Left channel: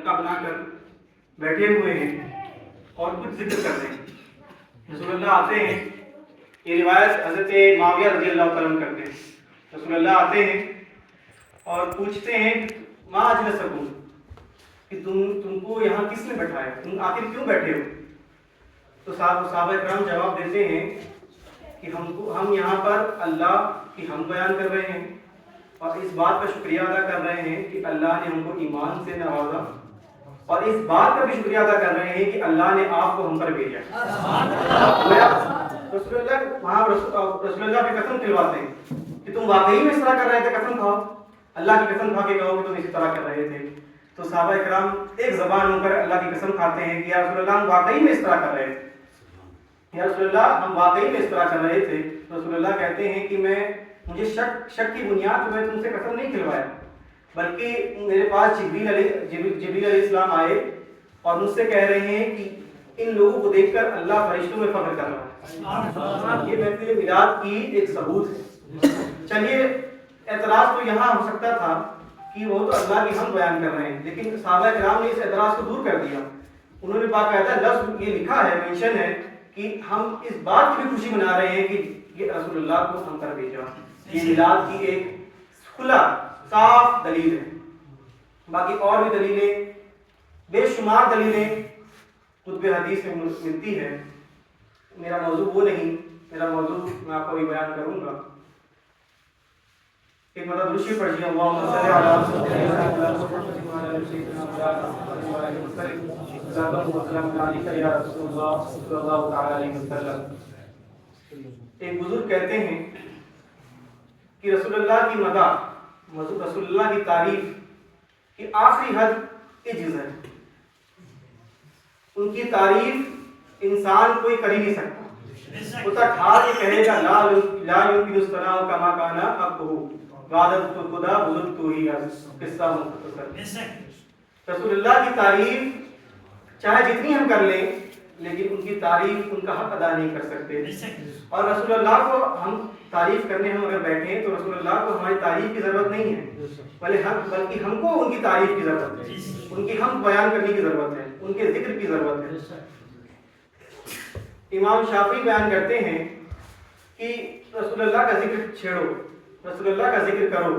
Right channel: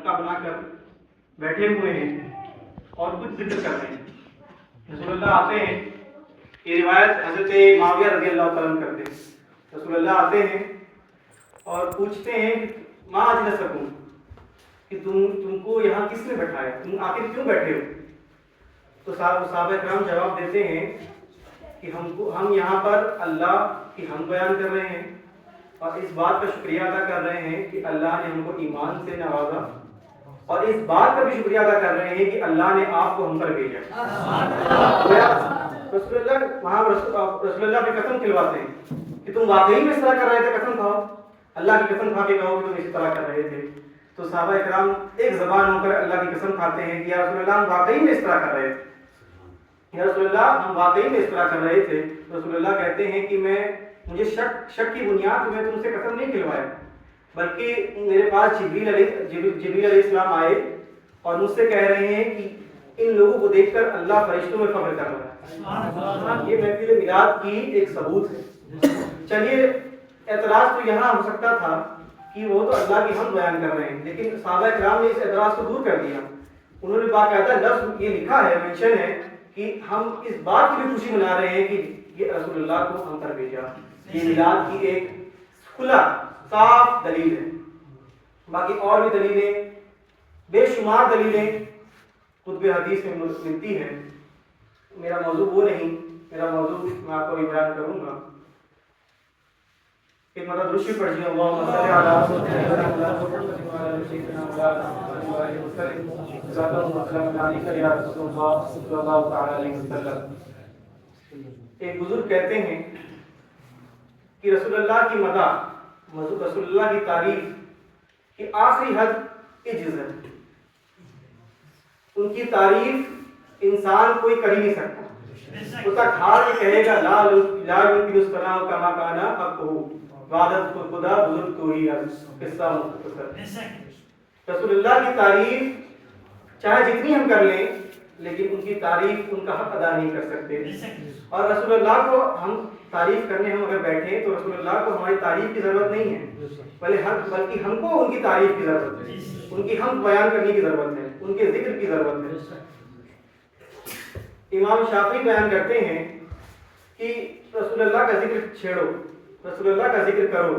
حلقہ بنا کر بیٹھے ہوئے ہیں اور کچھ ذکر کر رہے ہیں. رسول اللہ آتے ہیں, یہ روایت حضرت معاویہ رضی اللہ تعالیٰ عنہ کرتے ہیں. رسول اللہ آتے ہیں اور پوچھتے ہیں ما اجلسکم, کہ تم کو یہاں کس نے بٹھایا, تم آخر کیوں بیٹھے ہو؟ تو صحابہ کرام جواب دیتے ہیں کہ ہم یہاں پر اللہ کی حمد بیان کر رہے ہیں اور اس بات کا شکریہ ادا کر رہے ہیں کہ اللہ نے ہم کو ایمان سے نوازا, اور اس بات کا بھی شکریہ ادا کر رہے ہیں کہ اللہ نے آپ کو ہم پر بھیجا. رسول اللہ پہ قسم کھلواتے ہیں کہ تم واقعی میں اس طرح کر رہے تھے, قسم کھاؤ, اللہ کی قسم کھا کے کہو کہ تم اسی طرح کر رہے تھے. تو صحابہ کرام ایک زبان ہو کر اللہ کی قسم کھاتے ہیں کہ یا رسول اللہ ہم واقعی میں اس طرح کر رہے تھے, یا رسول اللہ ہم واقعی میں اس طرح کر رہے تھے. رسول اللہ کہتے ہیں کہ مجھے شک کی بنیاد پہ میں تم سے قسم نہیں کھلوایا, بلکہ میرے پاس جبریل علیہ السلام آئے اور مجھ سے کہہ رہے ہیں کہ ان لوگوں کو دیکھ کر اللہ فرشتوں میں فخر کر رہا ہے. یہ محفل میلاد کی ایک ثبوت ہے. چلیے اعتراض تو یہاں ہو سکتا تھا کہ وہ تو اللہ کی حمد بیان کر رہے ہیں, لیکن صحابہ کرام نے اس اعتراض کو دور کر دیا. انہوں نے باقاعدہ لفظ یہ لکھا ہے, مینشن ہے کہ ہم اس بات کی خوشی منا رہے ہیں کہ یہ رسول اللہ کو ہم پر بھیجا. یہ میلاد کی ایک کھلا صاف دلیل ہے. باقی اور بھی دلیلیں, بے شمار دلیلیں کتب حدیث میں ملتی ہیں. میرا موضوع وہ نہیں, میرا موضوع میں آپ کو بھی بیان کروں گا. ایک مطلب رشی پڑھیے اللہم صلی علی سیدنا محمد. ایک بزرگ کہتے ہیں کہ رسول اللہ کی مدح, رسول اللہ کی تعریف کی آخری حد عجز ہے. ان کی تعریف انسان کوئی کر ہی نہیں سکتا. وہ تک ہار کے کہے گا لا یمکن الثناء کما کان حقہ وعدت خدا بزرگ تو ہی قصہ مختصر. رسول اللہ کی تعریف چاہے جتنی ہم کر لیں لیکن ان کی تعریف ان کا حق ادا نہیں کر سکتے. اور رسول اللہ کو ہم تعریف کرنے ہم اگر بیٹھیں تو رسول اللہ کو ہماری تعریف کی ضرورت نہیں ہے, بلکہ ہم کو ان کی تعریف کی ضرورت ہے, ان کی حمد بیان کرنے کی ضرورت ہے, ان کے ذکر کی ضرورت ہے. امام شافعی بیان کرتے ہیں کہ رسول اللہ کا ذکر چھیڑو, رسول اللہ کا ذکر کرو.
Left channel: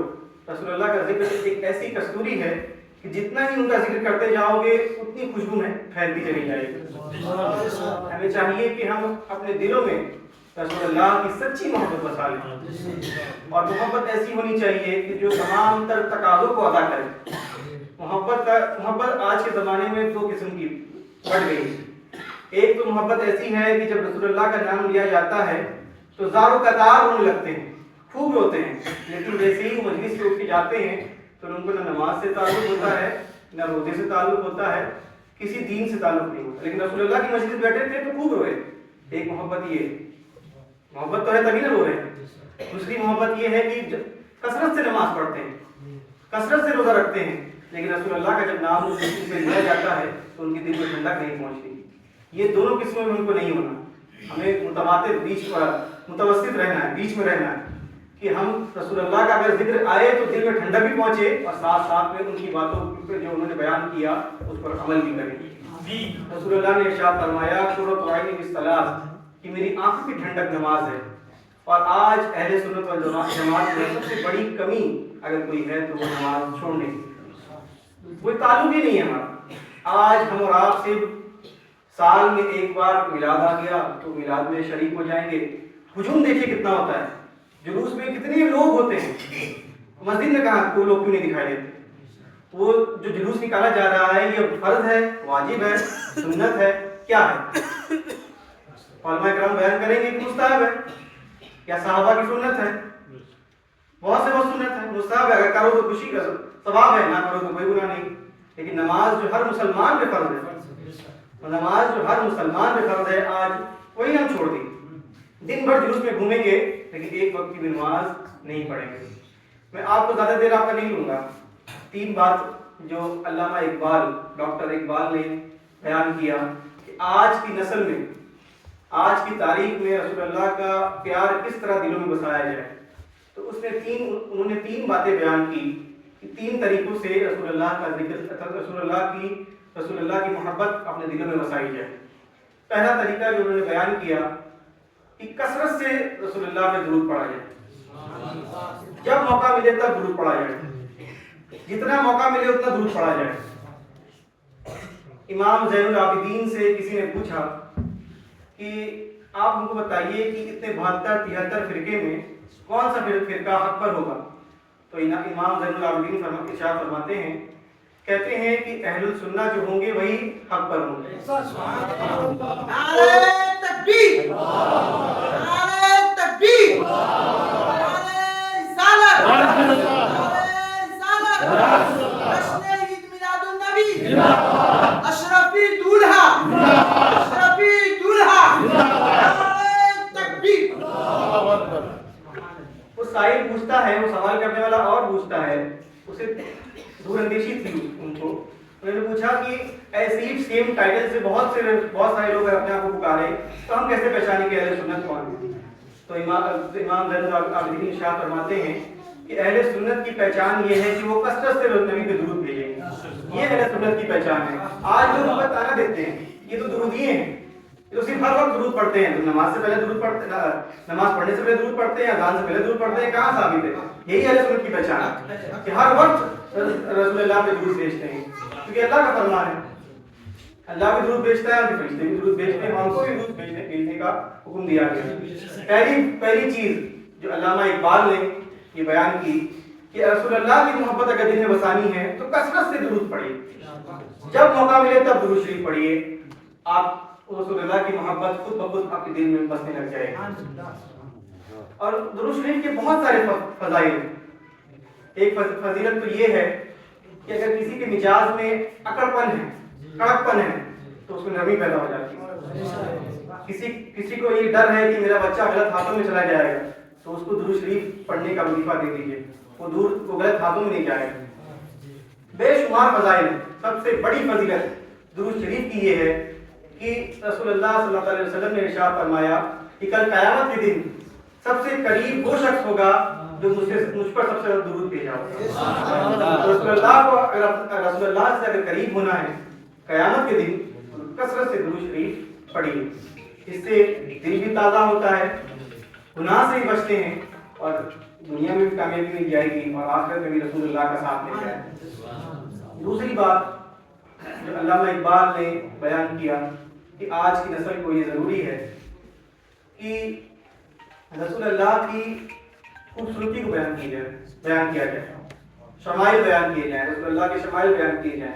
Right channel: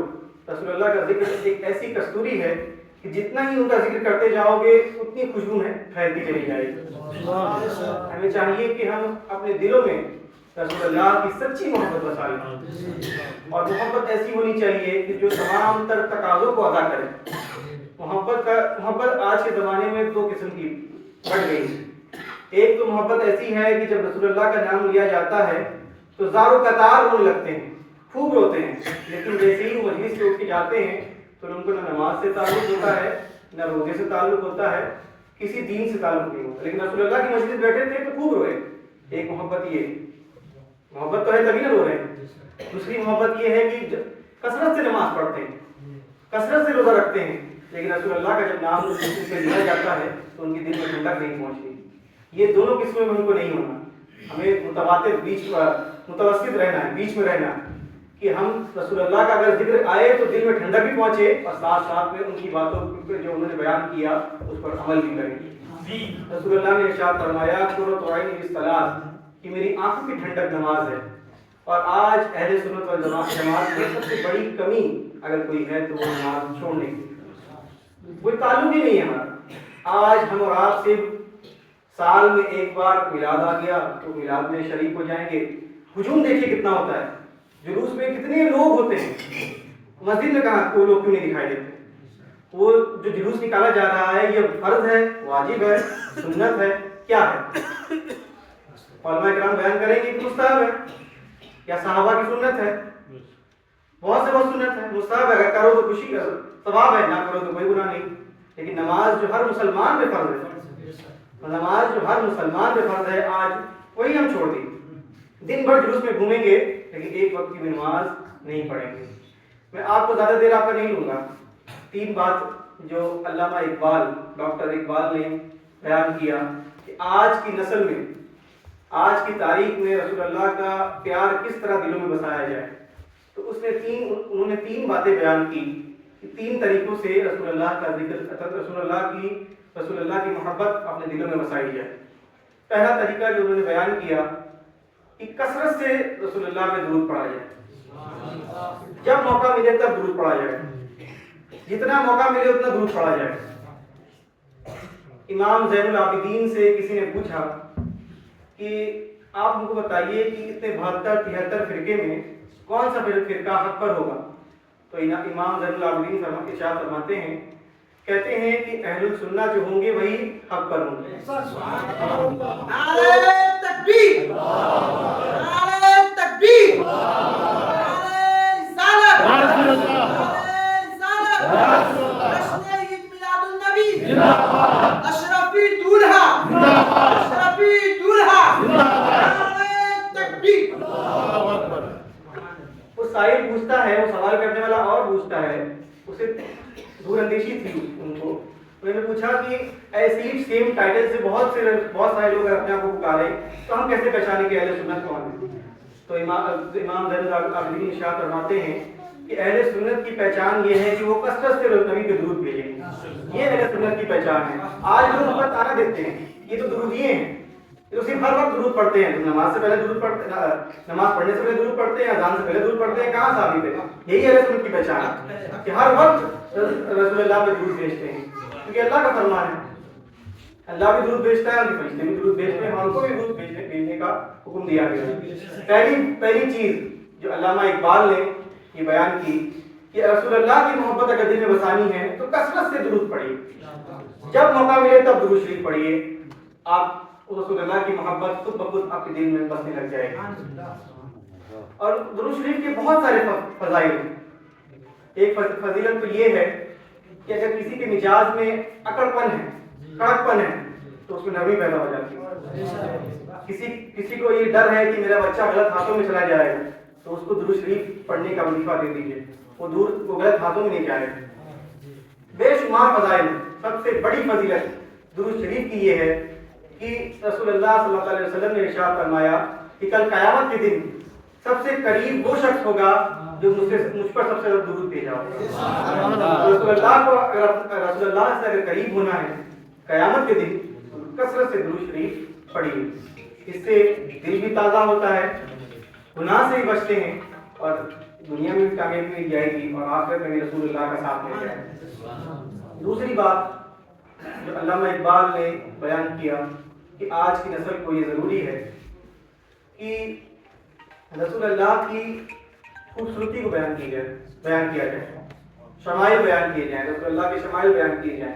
رسول اللہ کا ذکر ایک ایسی کستوری ہے کہ جتنا ہی ان کا ذکر کرتے جاؤ گے اتنی خوشبو میں پھیلتی چلی جائے گی. ہمیں چاہیے کہ ہم اپنے دلوں میں رسول اللہ کی سچی محبت بسا لیں, اور محبت ایسی ہونی چاہیے کہ جو تمام تر تقاضوں کو ادا کرے. محبت آج کے زمانے میں دو قسم کی بڑھ گئی. ایک تو محبت ایسی ہے کہ جب رسول اللہ کا نام لیا جاتا ہے تو زار و قطار رونے لگتے ہیں, خوب روتے ہیں, لیکن جیسے ہی وہ مجلس سے اٹھ کے جاتے ہیں تو ان کو نہ نماز سے تعلق ہوتا ہے, نہ روزے سے تعلق ہوتا ہے, کسی دین سے تعلق نہیں ہوتا. لیکن رسول اللہ کی مجلس بیٹھے تھے تو خوب روئے. ایک محبت یہ, محبت تو ہے تبھی نہ رو رہے ہیں. دوسری محبت یہ ہے کہ کثرت سے نماز پڑھتے ہیں, کثرت سے روزہ رکھتے ہیں, لیکن رسول اللہ کا جب نام سے لیا جاتا ہے تو ان کی دل میں ٹھنڈک نہیں پہنچتی. یہ دونوں قسموں میں ان کو نہیں ہونا. ہمیں متواتر متوسط رہنا ہے, بیچ میں رہنا ہے کہ ہم رسول اللہ کا اگر ذکر آئے تو دل میں ٹھنڈک بھی پہنچے اور ساتھ ساتھ میں ان کی باتوں پر جو انہوں نے بیان کیا اس پر عمل بھی کریں. رسول اللہ نے ارشاد فرمایا قرۃ عینی بالصلاۃ, کہ میری آنکھوں کی ٹھنڈک نماز ہے. اور آج اہل سنت والجماعت میں سب سے بڑی کمی اگر کوئی ہے تو وہ نماز چھوڑنے کی, کوئی تعلق ہی نہیں ہے ہمارا. آج ہم اور آپ سے سال میں ایک بار میلاد آ گیا تو میلاد میں شریک ہو جائیں گے. ہجوم دیکھیے کتنا ہوتا ہے, جلوس میں کتنے لوگ ہوتے ہیں. مسجد میں کہاں کوئی لوگ کیوں نہیں دکھائی دیتے. وہ جو جلوس نکالا جا رہا ہے یہ فرض ہے, واجب ہے, سنت ہے, کیا ہے؟ علماء کرام بیان کریں گے کہ مستحب ہے یا صحابہ کی سنت ہے. بہت سے بہت سنت ہے, مستحب ہے, اگر کرو تو خوشی کا ثواب ہے, نہ کرو تو کوئی گناہ نہیں. لیکن نماز جو ہر مسلمان پہ فرض ہے, نماز جو ہر مسلمان پہ فرض ہے, آج وہی ہم چھوڑ دی. دن بھر جلوس میں گھومیں گے لیکن ایک وقت کی نماز نہیں پڑھیں گے. میں آپ کو زیادہ دیر آپ کا نہیں لوں گا. 3 بات جو علامہ اقبال, ڈاکٹر اقبال نے بیان کیا کہ آج کی نسل میں, آج کی تاریخ میں رسول اللہ کا پیار کس طرح دلوں میں بسایا جائے, تو انہوں نے 3 باتیں بیان کی 3 طریقوں سے رسول اللہ کا ذکر، رسول اللہ کی محبت اپنے دلوں میں وسائی جائے۔ پہلا طریقہ جو انہوں نے بیان کیا کہ کثرت سے رسول اللہ پہ درود پڑھا جائے، جب موقع ملے تب درود پڑھا جائے، جتنا موقع ملے اتنا درود پڑھا جائے۔ امام زین العابدین سے کسی نے پوچھا کہ آپ ہم کو بتائیے کہ اتنے 72-73 فرقے میں کون سا فرقہ حق پر ہوگا؟ تو امام زین العابدین ارشاد فرماتے ہیں، کہتے ہیں کہ اہل السنہ جو ہوں گے وہی حق پر ہوں گے۔ نعرہ تکبیر، نعرہ تکبیر، نعرہ رسالت، نعرہ رسالت، جشن عید میلاد النبی، اشرفی دولہا، اشرفی دولہا، نعرہ تکبیر۔ وہ سائل پوچھتا ہے، وہ سوال کرنے والا اور پوچھتا ہے، اسے دور اندیشی تھی ان کو، انہوں نے پوچھا کہ ایسی سیم ٹائٹل سے بہت سارے لوگ اپنے آپ کو پکارے تو ہم کیسے پہچانیں کہ اہل سنت کون ہے؟ تو امام زین العابدین ارشاد فرماتے ہیں کہ اہل سنت کی پہچان یہ ہے کہ وہ کثرت سے نبی پہ درود بھیجیں گے، یہ اہل سنت کی پہچان ہے۔ آج لوگ ہمیں تانا دیتے ہیں یہ تو درودیے ہیں، تو صرف ہر وقت درود پڑھتے ہیں، تو نماز سے پہلے درود پڑھتے ہیں، نماز پڑھنے سے پہلے درود پڑھتے ہیں، اذان سے پہلے درود پڑھتے ہیں، کہاں ثابت ہے؟ یہی اہل سنت کی پہچان ہے کہ ہر وقت رسول اللہ پہ درود بھیجتے ہیں، کیونکہ اللہ کا فرمان ہے، اللہ بھی درود بھیجتا ہے، اور فرشتے بھی درود بھیجتے ہیں، ہم کو بھی درود بھیجنے کا حکم دیا گیا ہے۔ پہلی چیز جو علامہ اقبال نے یہ بیان کی کہ رسول اللہ کی محبت اگر دل میں بسانی ہے تو کثرت سے درود پڑھیے، جب موقع ملے تب درود شریف پڑھیے، آپ رسول اللہ کی محبت خود بخود آپ کے دل میں بسنے لگ جائے۔ اور درود شریف کے بہت سارے فضائل ہیں۔ ایک فضیلت تو یہ ہے کہ اگر کسی کے مزاج میں اکڑ پن ہے، کڑک پن ہے، تو اس میں نرمی پیدا ہو جاتی ہے۔ کسی کو یہ ڈر ہے کہ میرا بچہ غلط ہاتھوں میں چلا جائے گا، تو اس کو درود شریف پڑھنے کا وظیفہ دے دیجیے، وہ غلط ہاتھوں میں نہیں جائے گا۔ بے شمار فضائل، سب سے بڑی فضیلت درود شریف کی یہ ہے کہ رسول اللہ صلی اللہ علیہ وسلم نے ارشاد فرمایا کہ کل قیامت کے دن سب سے قریب وہ شخص ہوگا جو مجھ پر سب سے زیادہ درود بھیجا ہوگا۔ رسول اللہ سے اگر قریب ہونا ہے قیامت کے دن کثرت سے درود شریف پڑھیے، اس سے دل بھی تازہ ہوتا ہے، گناہ سے بھی بچتے ہیں، اور دنیا میں بھی کامیابی مل جائے گی اور آخرت میں بھی رسول اللہ کا ساتھ مل جائے گا۔ دوسری بات جو علامہ اقبال نے بیان کیا کہ آج کی نسل کو یہ ضروری ہے کہ رسول اللہ کی خوبصورتی کو بیان کیا جائے، شمائل بیان کیے جائیں، رسول اللہ کے شمائل بیان کیے جائیں۔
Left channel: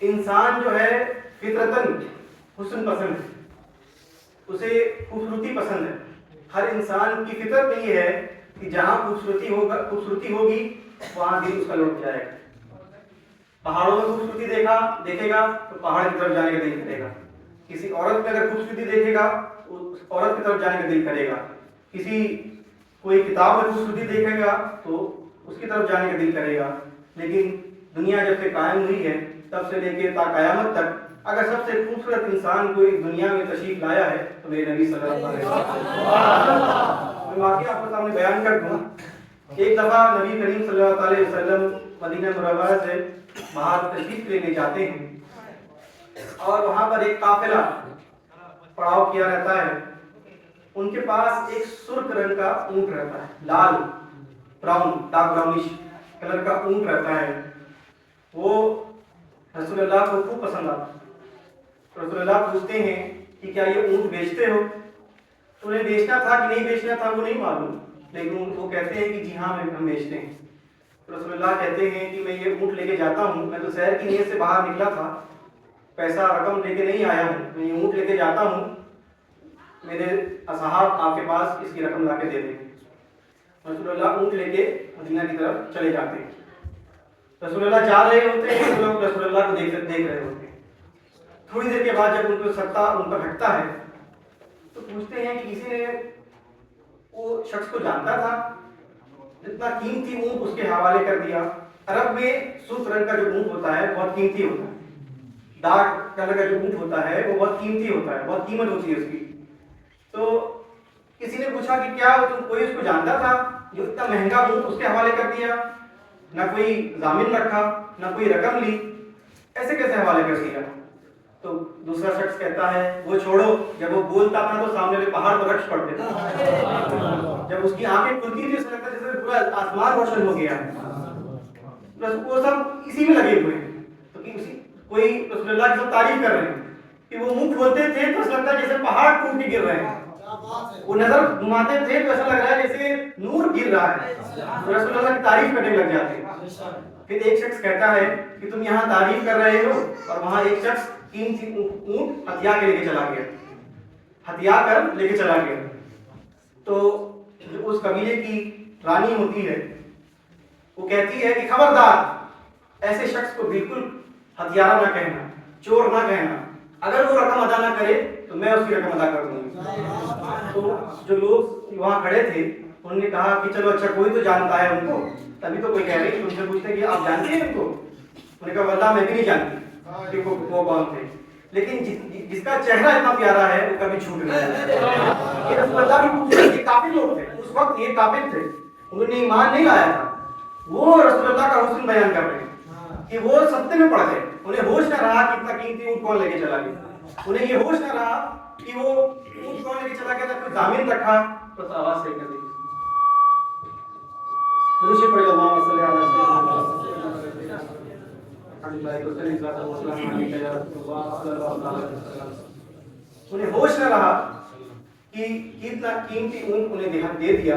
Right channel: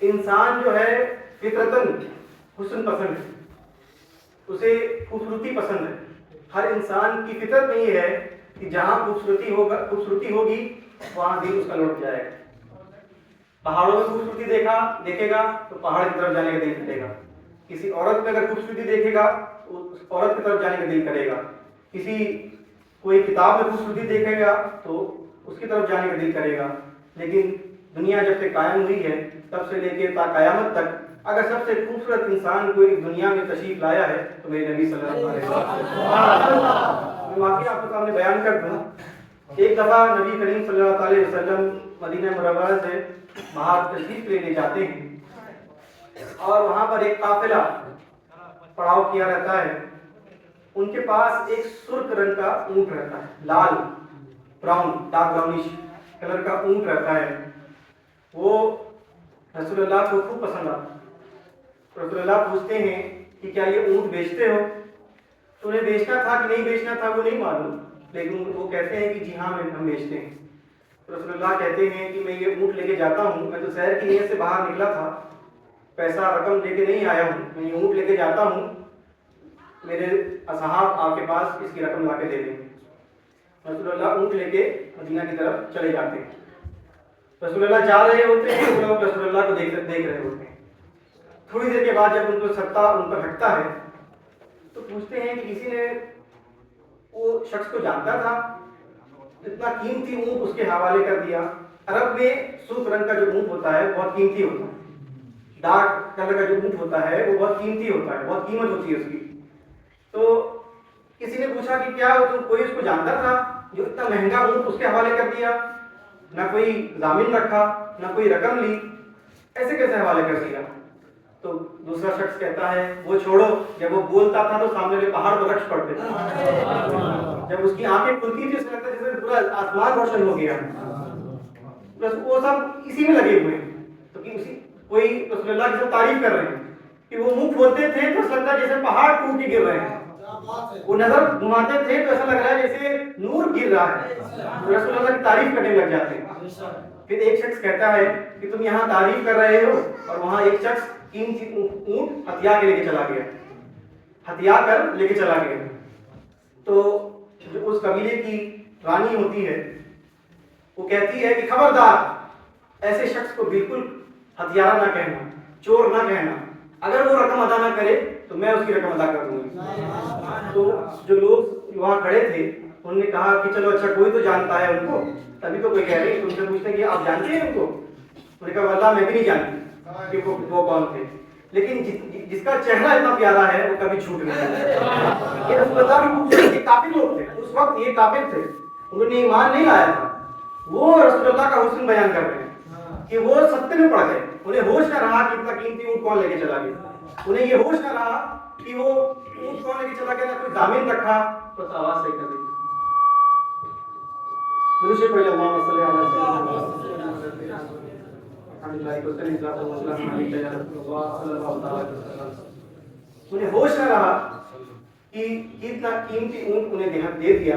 انسان جو ہے فطرتاً حسن پسند ہے، اسے خوبصورتی پسند ہے۔ ہر انسان کی فطرت میں یہ ہے کہ جہاں خوبصورتی ہوگی وہاں دل اس کا لوٹ جائے گا۔ پہاڑوں میں خوبصورتی دیکھے گا تو پہاڑ کی طرف جانے کا دل کرے گا، کسی عورت میں اگر خوبصورتی دیکھے گا تو اس عورت کی طرف جانے کا دل کرے گا، کوئی کتاب میں خوبصورتی دیکھے گا تو اس کی طرف جانے کا دل کرے گا۔ لیکن دنیا جب سے قائم ہوئی ہے تب سے لے کے تا قیامت تک اگر سب سے خوبصورت انسان کوئی دنیا میں تشریف لایا ہے تو میرے نبی صلی اللہ علیہ وسلم۔ میں واقعہ آپ کے سامنے بیان کر دوں۔ ایک دفعہ نبی کریم صلی اللہ علیہ وسلم مدینہ منورہ سے باہر تشریف لینے جاتے ہیں اور وہاں پر ایک قافلہ پڑاؤ کیا رہتا ہے۔ ان کے پاس ایک سرخ رنگ کا اونٹ رہتا ہے، لال براؤن ڈارک براؤنش کلر کا اونٹ رہتا ہے۔ وہ رسول اللہ کو خوب پسند آتا۔ رسول اللہ پوچھتے ہیں کہ کیا یہ اونٹ بیچتے ہو؟ تو انہیں بیچنا تھا کہ نہیں بیچنا تھا وہ نہیں معلوم، لیکن وہ کہتے ہیں کہ جی ہاں ہم بیچتے ہیں۔ رسول اللہ کہتے ہیں کہ میں یہ اونٹ لے کے جاتا ہوں، میں تو سیر کی نیت سے باہر نکلا تھا، پیسہ رقم لے کے نہیں آیا ہوں، میں یہ اونٹ لے کے جاتا ہوں، میرے اصحاب آپ کے پاس اس کی رقم لا کے دے دیں۔ رسول اللہ اونٹ لے کے مدینہ کی طرف چلے جاتے ہیں۔ رسول اللہ جا رہے ہوتے ہیں، لوگ رسول اللہ کو دیکھ رہے ہوتے ہیں۔ تھوڑی دیر کے بعد جب ان کو ستا ان پر ہٹتا ہے تو پوچھتے ہیں کہ کسی نے وہ شخص کو جانتا تھا، اتنا قیمتی اونٹ اس کے حوالے کر دیا۔ عرب میں سرخ رنگ کا جو اونٹ ہوتا ہے بہت قیمتی ہوتا ہے، ڈارک کلر کا جو اونٹ ہوتا ہے وہ بہت قیمتی ہوتا ہے، بہت قیمت ہوتی ہے اس کی۔ تو کسی نے پوچھا کہ کیا کوئی اس کو جانتا تھا جو اتنا مہنگا اونٹ اس کے حوالے کر دیا؟ نہ کوئی ضامن رکھا, نہ کوئی رقم لی, ایسے کیسے حوالے کر دیا؟ تو دوسرا شخص کہتا ہے وہ چھوڑو, جب وہ بولتا تھا تو سامنے والے پہاڑ پر رقص پڑتے تھے, جب اس کی آنکھیں کھلتی تھی ایسا لگتا جیسے پورا آسمان روشن ہو گیا, بس وہ سب اسی میں لگے ہوئے ہیں. تو کوئی رسول اللہ کی تعریف کر رہے ہیں کہ وہ منہ کھولتے تھے تو ایسا لگتا ہے جیسے پہاڑ ٹوٹ کے گر رہے ہیں, وہ نظر گھماتے تھے تو ایسا لگ رہا ہے جیسے نور گر رہا ہے, رسول اللہ کی تعریف کرنے لگ جاتے ہیں. پھر ایک شخص کہتا ہے کہ تم یہاں تعریف کر رہے ہو اور وہاں ایک شخص قیمتی اونٹ ہتھیا کے لے کے چلا گیا, ہتھیا کر لے کے چلا گیا. تو جو اس قبیلے کی رانی ہوتی ہے وہ کہتی ہے کہ خبردار, ایسے شخص کو بالکل ہتھیارہ نہ کہنا, چور نہ کہنا, اگر وہ رقم ادا نہ کرے تو میں اس کی رقم ادا کر دوں گی. تو جو لوگ وہاں کھڑے تھے انہوں نے کہا کہ چلو اچھا کوئی تو جانتا ہے ان کو, تبھی تو کوئی کہہ رہی. ان سے پوچھتے ہیں کہ آپ جانتے ہیں ان کو؟ انہوں نے کہا واللہ میں بھی نہیں جانتی کہ وہ کون تھے, لیکن جس کا چہرہ اتنا پیارا ہے وہ کبھی جھوٹ نہیں ہے. یہ رسول اللہ بھی خوبصورت, یہ کافر لوگ تھے اس وقت, یہ کافر تھے, انہوں نے ایمان نہیں لایا تھا. وہ رسول اللہ کا حسن بیان کر رہے ہیں کہ وہ ستے میں پڑ گئے, انہیں ہوش نہ رہا کہ اتنا قیمتی اونٹ کون لے کے چلا گیا, انہیں یہ ہوش نہ رہا کہ وہ اونٹ کون لے کے چلا گیا, نہ کوئی ضامن رکھا. تو آواز صحیح کر دی انہیں ہوش نہ رہا کہ اتنا قیمتی اونٹ انہیں دے دیا.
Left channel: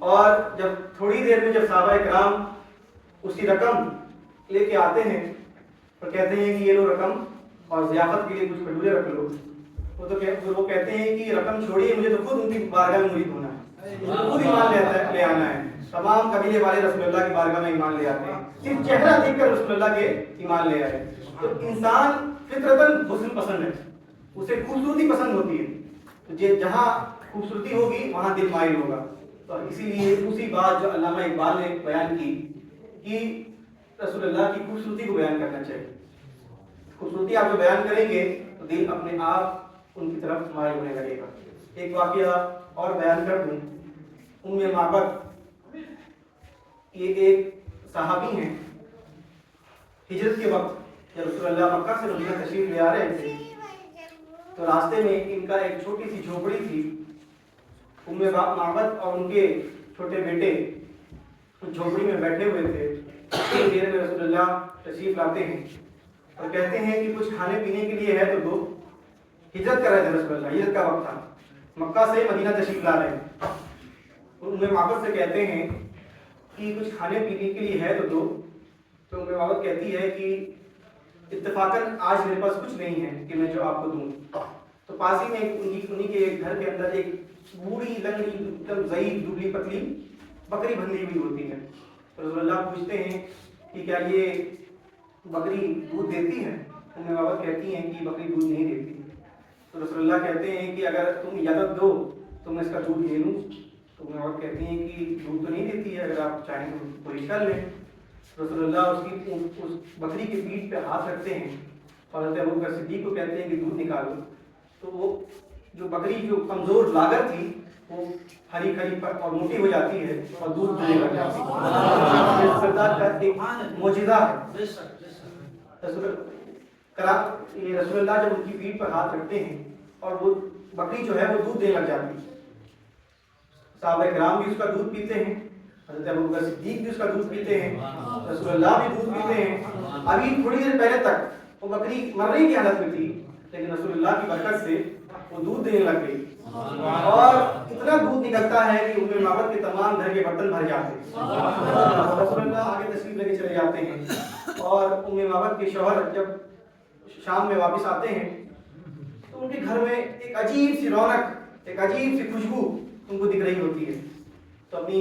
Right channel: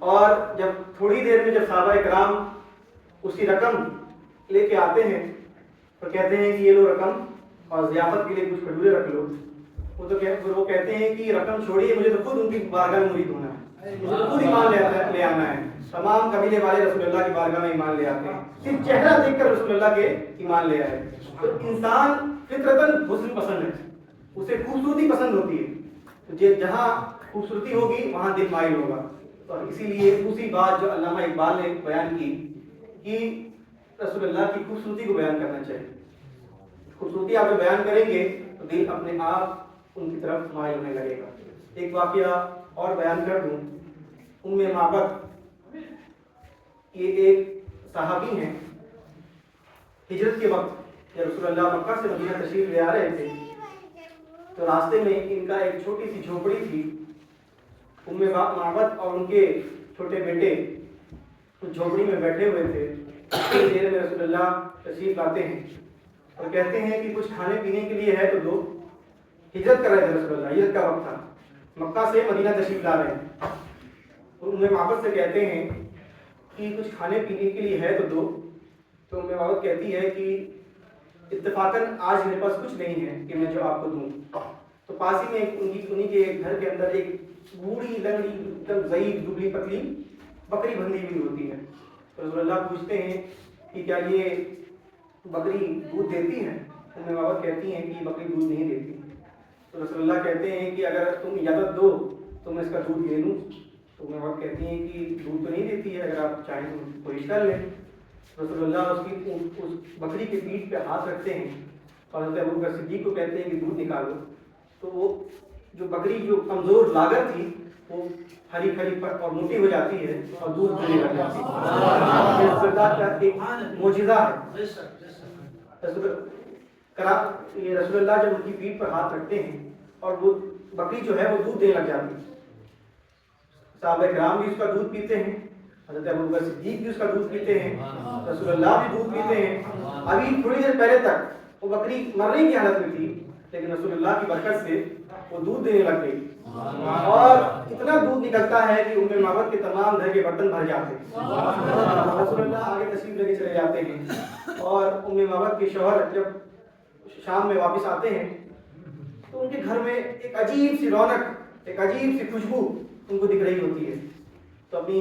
اور جب تھوڑی دیر میں جب صحابہ کرام اس کی رقم لے کے آتے ہیں تو کہتے ہیں کہ یہ لو رقم اور ضیافت کے لیے کچھ کھجورے رکھ لو. وہ کہتے ہیں کہ رقم چھوڑیے, مجھے تو خود ان کی بارگاہ میں مرید ہونا ہے, مجھے تو خود ایمان لے آنا ہے. تمام قبیلے والے رسول اللہ کی بارگاہ میں ایمان لے آتے ہیں, صرف چہرہ دیکھ کر رسول اللہ کے ایمان لے آئے. تو انسان فطرتاً حسن پسند ہے, اسے خوبصورتی پسند ہوتی ہے, تو جہاں خوبصورتی ہوگی وہاں دل مائل ہوگا. تو اسی لیے دوسری بات جو علامہ اقبال نے بیان کی کہ رسول اللہ کی خوبصورتی کو بیان کرنا چاہیے. خوبصورتی آپ جو بیان کریں گے تو دل اپنے آپ ان کی طرف مائل ہونے لگے گا. ایک واقعہ اور بیان کر دوں. معبد یہ ایک صحابی ہیں, ہجرت کے وقت جب رسول اللہ مکہ سے مدینہ تشریف لے آ رہے تھے تو راستے میں ان کا ایک چھوٹی سی جھوپڑی تھی. معبد اور ان کے چھوٹے بیٹے جھوپڑی میں بیٹھے ہوئے تھے. دیر میں رسول اللہ تشریف لاتے ہیں اور کہتے ہیں کہ کچھ کھانے پینے کے لیے ہے تو دو. ہجرت کر رہے تھے رسول اللہ, ہجرت کا وقت تھا, مکہ سے مدینہ تشریف لا رہے ہیں. معبد سے کہتے ہیں کہ کچھ کھانے پینے کے لیے ہے تو دو. تو معبد کہتی ہے کہ اتفاقاً آج میرے پاس کچھ نہیں ہے کہ میں جو آپ کو دوں. تو پاس ہی میں انہی کے گھر کے اندر ایک بوڑھی لنگڑی ایک دم ضعیف دبلی پتلی بکری بندھی ہوئی ہوتی ہے. تو رسول اللہ پوچھتے ہیں کہ کیا یہ بکری دودھ دیتی ہے؟ معبد کہتی ہیں کہ بکری دودھ نہیں دیتی. تو رسول اللہ کہتے ہیں کہ اگر تم اجازت دو تو میں اس کا دودھ لے لوں. تو معبد کہتی ہیں کہ دودھ تو نہیں دیتی ہے, اگر آپ چاہیں تو کوئی کر لیں. رسول اللہ اس بکری کے پیٹھ پہ ہاتھ رکھتے ہیں اور حضرت ابوبکر صدیق کو کہتے ہیں کہ دودھ نکالو. تو وہ جو بکری جو کمزور لاگر تھی وہ ہری کھری اور موٹی ہو جاتی ہے اور دودھ دینے لگ جاتی ہے. یہ سردار کا ایک معجزہ ہے. رسول اللہ جب ان کی پیٹھ پر ہاتھ رکھتے ہیں اور وہ بکری جو ہے وہ دودھ دینے لگ جاتی ہے. صحابہ کرام بھی اس کا دودھ پیتے ہیں, حضرت ابوبکر صدیق بھی اس کا دودھ پیتے ہیں, رسول اللہ بھی دودھ پیتے ہیں. ابھی تھوڑی دیر پہلے تک وہ بکری مرنے کی حالت میں تھی, لیکن رسول اللہ کی برکت سے وہ دودھ دینے لگ گئی اور اتنا دودھ نکلتا ہے کہ معبد کے تمام گھر کے برتن بھر جاتے ہیں. رسول اللہ آگے تشریف لے کے چلے جاتے ہیں اور معبد کے شوہر جب شام میں واپس آتے ہیں تو ان کے گھر میں ایک عجیب سی رونق, ایک عجیب سی خوشبو ان کو دکھ رہی ہوتی ہے. تو اپنی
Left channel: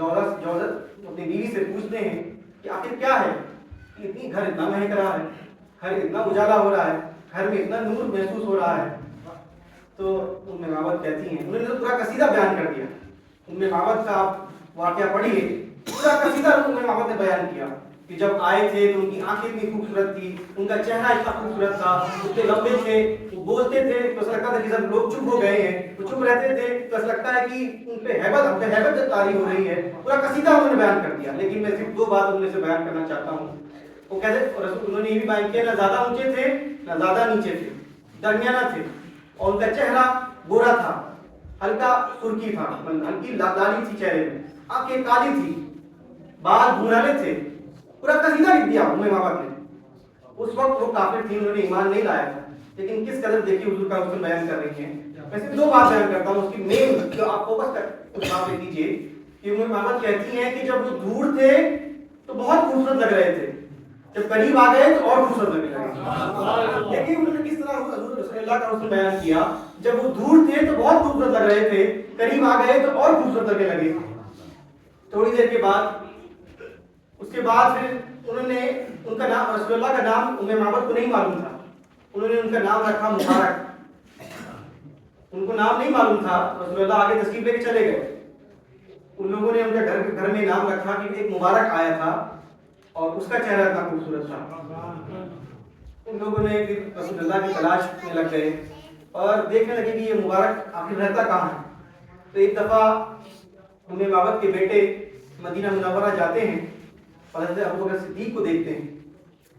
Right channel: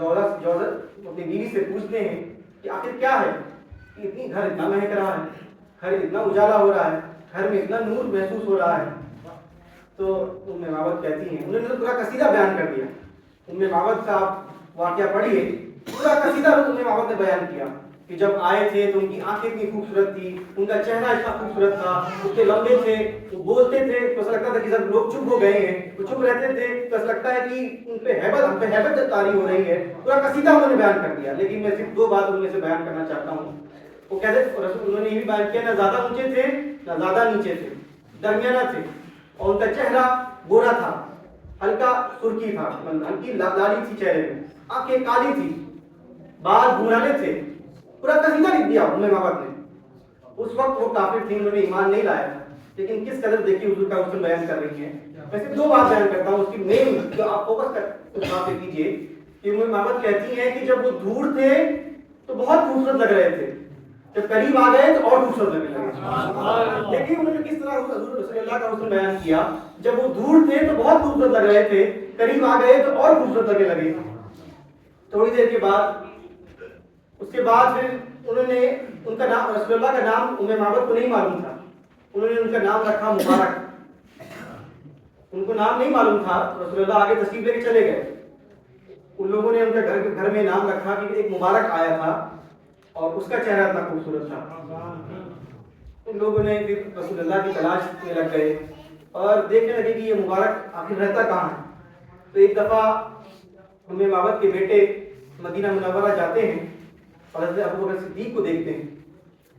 اپنی بیوی سے پوچھتے ہیں کہ آخر کیا ہے کہ اتنی گھر اتنا مہک رہا ہے, گھر اتنا اجالا ہو رہا ہے, گھر میں اتنا نور محسوس ہو رہا ہے. تو معبد کہتی ہیں, انہوں نے پورا قصیدہ بیان کر دیا. معبد کا آپ واقعہ پڑھیے, پورا قصیدہ معبد نے بیان کیا کہ جب آئے تھے تو ان کی آنکھیں اتنی خوبصورت تھی, ان کا چہرہ اتنا خوبصورت تھا, اتنے لمبے تھے, وہ بولتے تھے تو ایسا لگتا تھا کہ سب لوگ چپ ہو گئے ہیں, وہ چپ رہتے تھے تو ایسا لگتا ہے کہ ان پہ ہیبت طاری ہو رہی ہے. پورا قصیدہ انہوں نے بیان کر دیا, لیکن میں صرف 2 بات ان میں سے بیان کرنا چاہتا ہوں. وہ کہتے انہوں نے یہ بھی بیان کیا, نہ زیادہ اونچے تھے نہ زیادہ نیچے تھے, درمیانہ تھے, اور ان کا چہرہ گورا تھا, ہلکا سرخی تھا, ہلکی لالی تھی چہرے میں, آنکھیں کالی تھی, بال بھورالے تھے. پورا قصیدہ لکھ دیا ام مابت نے. اس وقت وہ کافر تھی, انہوں نے ایمان نہیں لایا تھا, لیکن کس قدر دیکھیے حضور کا حسن بیان کر رہی ہیں. میں صرف 2 بات بیان کرتا ہوں, اس کی مین جو آپ فوکس کر اس بات پہ کیجیے کہ ام مابت کہتی ہیں کہ جب وہ دور تھے تو بہت خوبصورت لگ رہے تھے, جب قریب آ گئے تو اور خوبصورت لگنے لگے. دیکھیے انہوں نے کس طرح حضور رسول اللہ کا حسن بیان کیا. جب وہ دور تھے تو بہت خوبصورت لگ رہے تھے, قریب آ گئے تو اور خوبصورت لگنے لگے. تھوڑی دیر کے بعد اس کے بعد پھر انہوں نے ان کا نام, رسول اللہ کا نام ام مابت کو نہیں معلوم تھا, انہوں نے ان کا نام رکھا مبارک. ان کو نام نہیں معلوم تھا, رسول اللہ آگے تشریف لے کے چلے گئے. ان لوگوں نے ان کا گھر میں نام رکھا کہ ایک مبارک آیا تھا اور اس کا چہرہ اتنا خوبصورت تھا. ان لوگوں نے پھر رسول اللہ کی تلاش میں لگ گئے اور دیکھنے لگے کہ یہ مبارک آخر رہتا کہاں ہے. تو ایک دفعہ ام مابت کے بیٹے مدینہ منورہ جاتے ہیں اور حضرت ابوبکر صدیق کو دیکھتے ہیں.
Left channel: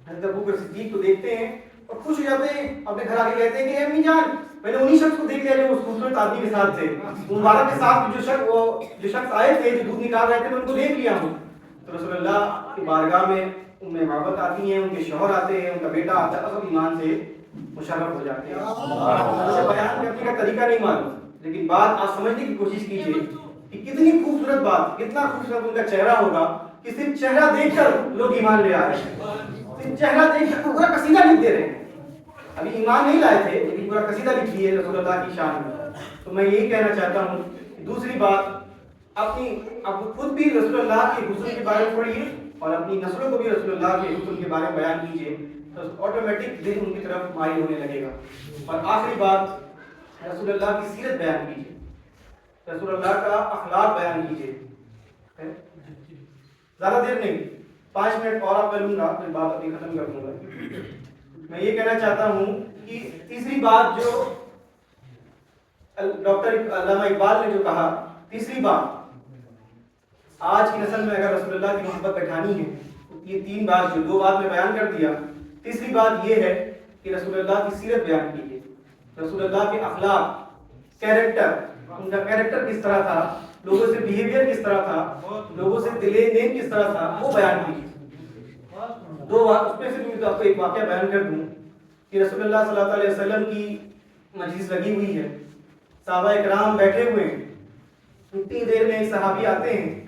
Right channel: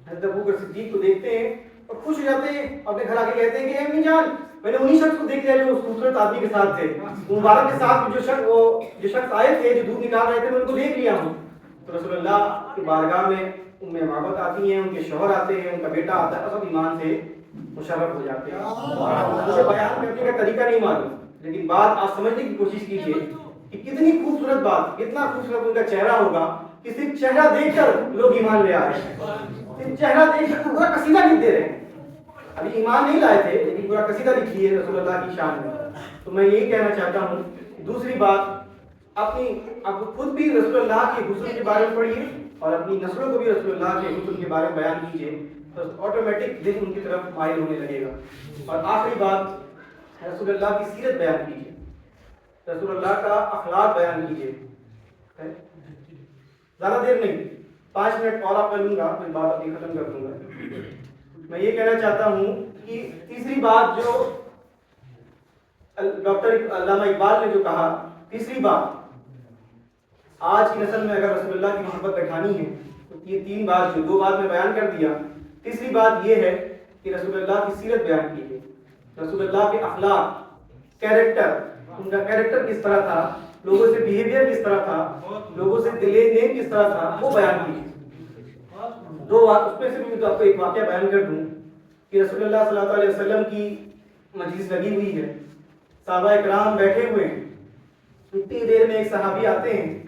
حضرت ابوبکر صدیق کو دیکھتے ہیں اور خوش ہو جاتے ہیں, اپنے گھر آ کے کہتے ہیں کہ اے امی جان, میں نے انہی شخص کو دیکھ لیا جو اس خوبصورت آدمی کے ساتھ تھے, مبارک کے ساتھ جو شخص آئے تھے جو دودھ نکال رہے تھے, میں ان کو دیکھ لیا ہوں. تو رسول اللہ کی بارگاہ میں ام مابت آتی ہیں, ان کے شوہر آتے ہیں, ان کا بیٹا آتا ہے, سب ایمان سے مشرف ہو جاتے ہیں. مجھے بیان کرنے کا طریقہ نہیں معلوم, لیکن بات آپ سمجھنے کی کوشش کیجیے کہ کتنی خوبصورت بات, کتنا خوبصورت ان کا چہرہ ہوگا کہ صرف چہرہ دیکھ کر لوگ ایمان لے آ رہے ہیں. صرف چہرہ دیکھ کر پورا قصیدہ لکھ دے رہے ہیں. ابھی ایمان نہیں لائے تھے لیکن پورا قصیدہ لکھ لیے رسول اللہ کی شان میں. تو میں یہی کہنا چاہتا ہوں. دوسری بات, اب خود بھی رسول اللہ کے حسن کے بارے میں پڑھیے اور اپنی نسلوں کو بھی رسول اللہ کے حسن کے بارے میں بیان کیجیے, تو آٹومیٹک دل ان کی طرف مائل ہونے لگے گا. اور آخری بات, رسول اللہ کی سیرت بیان کیجیے, رسول اللہ کا اخلاق بیان کیجیے. زیادہ دیر نہیں, 5 منٹ اور آپ میں لوں گا, پھر بات اپنی ختم کر دوں گا. میں یہ کہنا چاہتا ہوں کہ تیسری بات جو ڈاکٹر علامہ اقبال نے جو کہا, تیسری بات, آج کی نسل میں اگر رسول اللہ کی محبت بٹھانی ہے تو یہ 3 بات, جو 2 بات میں بیان کر دیا, تیسری بات یہ ہے کہ رسول اللہ کی سیرت بیان کیجیے, رسول اللہ کے اخلاق, کیریکٹر, ان کا کیریکٹر کس طرح تھا, لوگوں سے بیہیویئر کس طرح تھا, لوگوں سے دل نیم کس طرح تھا, وہ بیان کیجیے. 2 بات اس میں سے بھی آپ کو ایک واقعہ بیان کر دوں کہ رسول اللہ صلی اللہ علیہ وسلم کی مجلس لگی ہوئی ہے, صحابہ اکرام بیٹھے ہوئے ہیں. اتنی دیر میں ایک صحابی آتے ہیں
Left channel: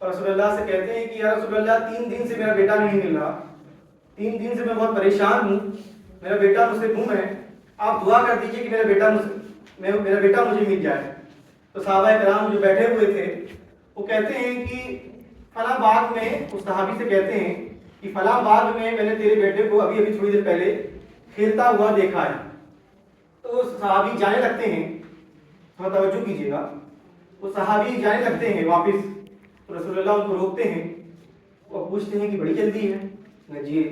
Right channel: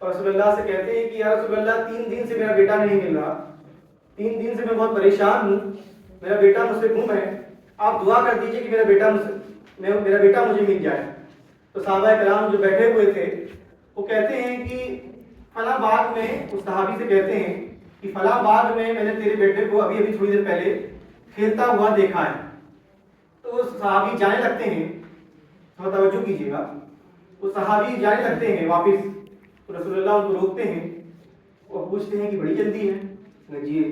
اور رسول اللہ سے کہتے ہیں کہ یا رسول اللہ 3 دن سے میرا بیٹا نہیں مل رہا, 3 دن سے میں بہت پریشان ہوں, میرا بیٹا مجھ سے گم ہے, آپ دعا کر دیجئے کہ میرا بیٹا مجھے مل جائے. تو صحابہ کرام جو بیٹھے ہوئے تھے وہ کہتے ہیں کہ فلاں باغ میں, اس صحابی سے کہتے ہیں کہ فلاں باغ میں نے تیرے بیٹے کو ابھی تھوڑی دیر پہلے کھیلتا ہوا دیکھا ہے. تو وہ صحابی جانے لگتے ہیں, تھوڑا توجہ کیجیے گا, وہ صحابی جانے لگتے ہیں واپس. تو رسول اللہ ان کو روکتے ہیں, وہ پوچھتے ہیں کہ بڑی جلدی ہے. جی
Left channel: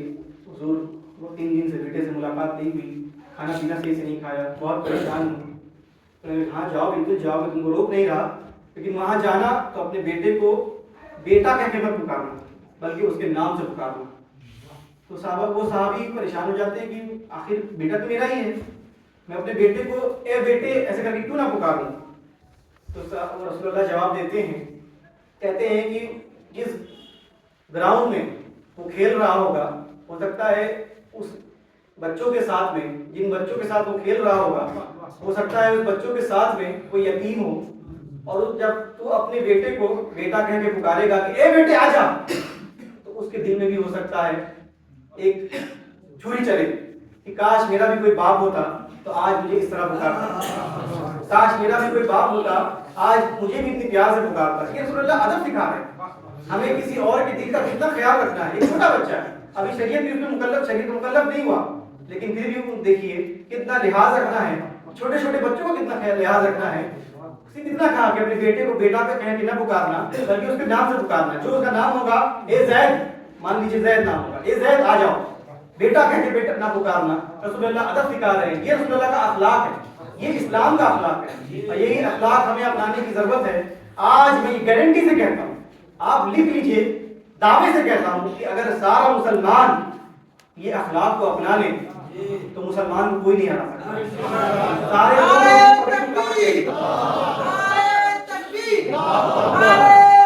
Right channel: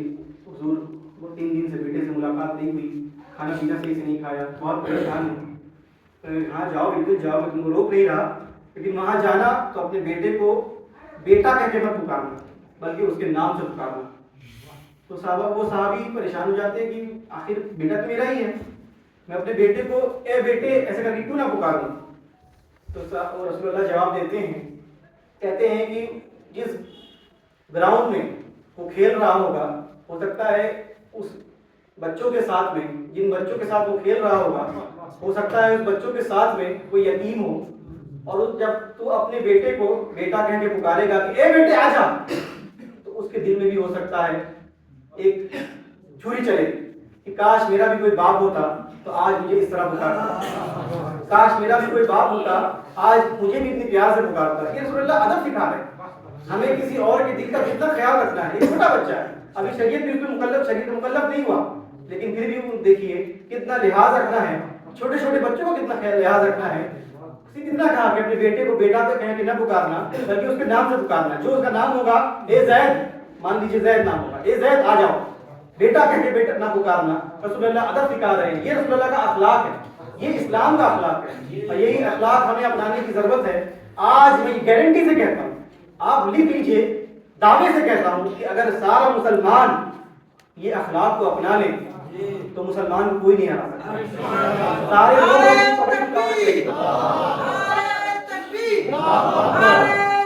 حضور, وہ 3 دن سے بیٹے سے ملاقات نہیں ہوئی, کھانا پینا صحیح سے نہیں کھایا, بہت پریشان ہوں. ہاں جاؤ, بالکل جاؤ, میں تم کو روک نہیں رہا, لیکن وہاں جانا تو اپنے بیٹے کو بیٹا کہہ کے مت پکارنا, بلکہ اس کے نام سے پکارنا. تو وہ صحابی پریشان ہو جاتے ہیں کہ آخر بیٹا تو میرا ہی ہے, میں اپنے بیٹے کو اے بیٹے ایسے کر کے کیوں نہ پکاروں. تو رسول اللہ جواب دیتے ہیں, کہتے ہیں کہ جس گراؤنڈ میں وہ کھیل رہا ہوگا, ہو سکتا ہے اس بچوں کے ساتھ میں, جن بچوں کے ساتھ وہ کھیل رہا ہوگا, ہو سکتا ہے اس بچوں کے ساتھ میں کوئی یتیم ہو, اور جب تو اپنے بیٹے کو بیٹا کہہ کے پکارے گا کہ اے بیٹے آ جا, تو اس کے دل میں بھی ہو سکتا ہے ایک چھری چلے کہ کاش میرا بھی کوئی باپ ہوتا تو آج مجھے اس طرح پکارتا, کاش میرا بھی کوئی باپ ہوتا آج مجھے بھی اتنی پیار سے پکارتا. یہ رسول اللہ ادب سکھا رہے ہیں ہمیں کسی اور کے دل کا کتنا خیال رکھنا ہے. ایک چھوٹا بچہ ہے, ابھی شریعت بھی اس میں مکلف نہیں ہوا, لیکن پھر بھی دیکھیے کتنا لحاظ رکھنا ہے, چھوٹے چھوٹے بچوں کو کتنا لحاظ رکھنا ہے. کتنا کہا کہ اپنے بیٹے کو بیٹا پہ کہیں کہ نہ پکارنا, بلکہ اس کے نام سے پکارنا. جو اس کا نام ہوگا, اے زید, مان لیجیے زید نام ہوگا, اے زید آ جاؤ, بیٹا کہہ کے بیٹا نہ پکارنا. رسول اللہ ادب سکھا رہے ہیں, یہ رسول اللہ کا اخلاق ہے, یہ اسلام کا اخلاق ہے, اور یہی اخلاق ہمیں اپنانے کی ضرورت ہے. آج میں یہ گارنٹی سے کہتا ہوں, آپ لکھ لیجئے, دعوے سے کہتا ہوں کہ اگر سارا مسلمان یہ اخلاق کو اپنا لیں تو مسلمان کو کوئی نہیں ہرا سکتا. سارے لوگ تکبیر، نعرہ تکبیر، نعرہ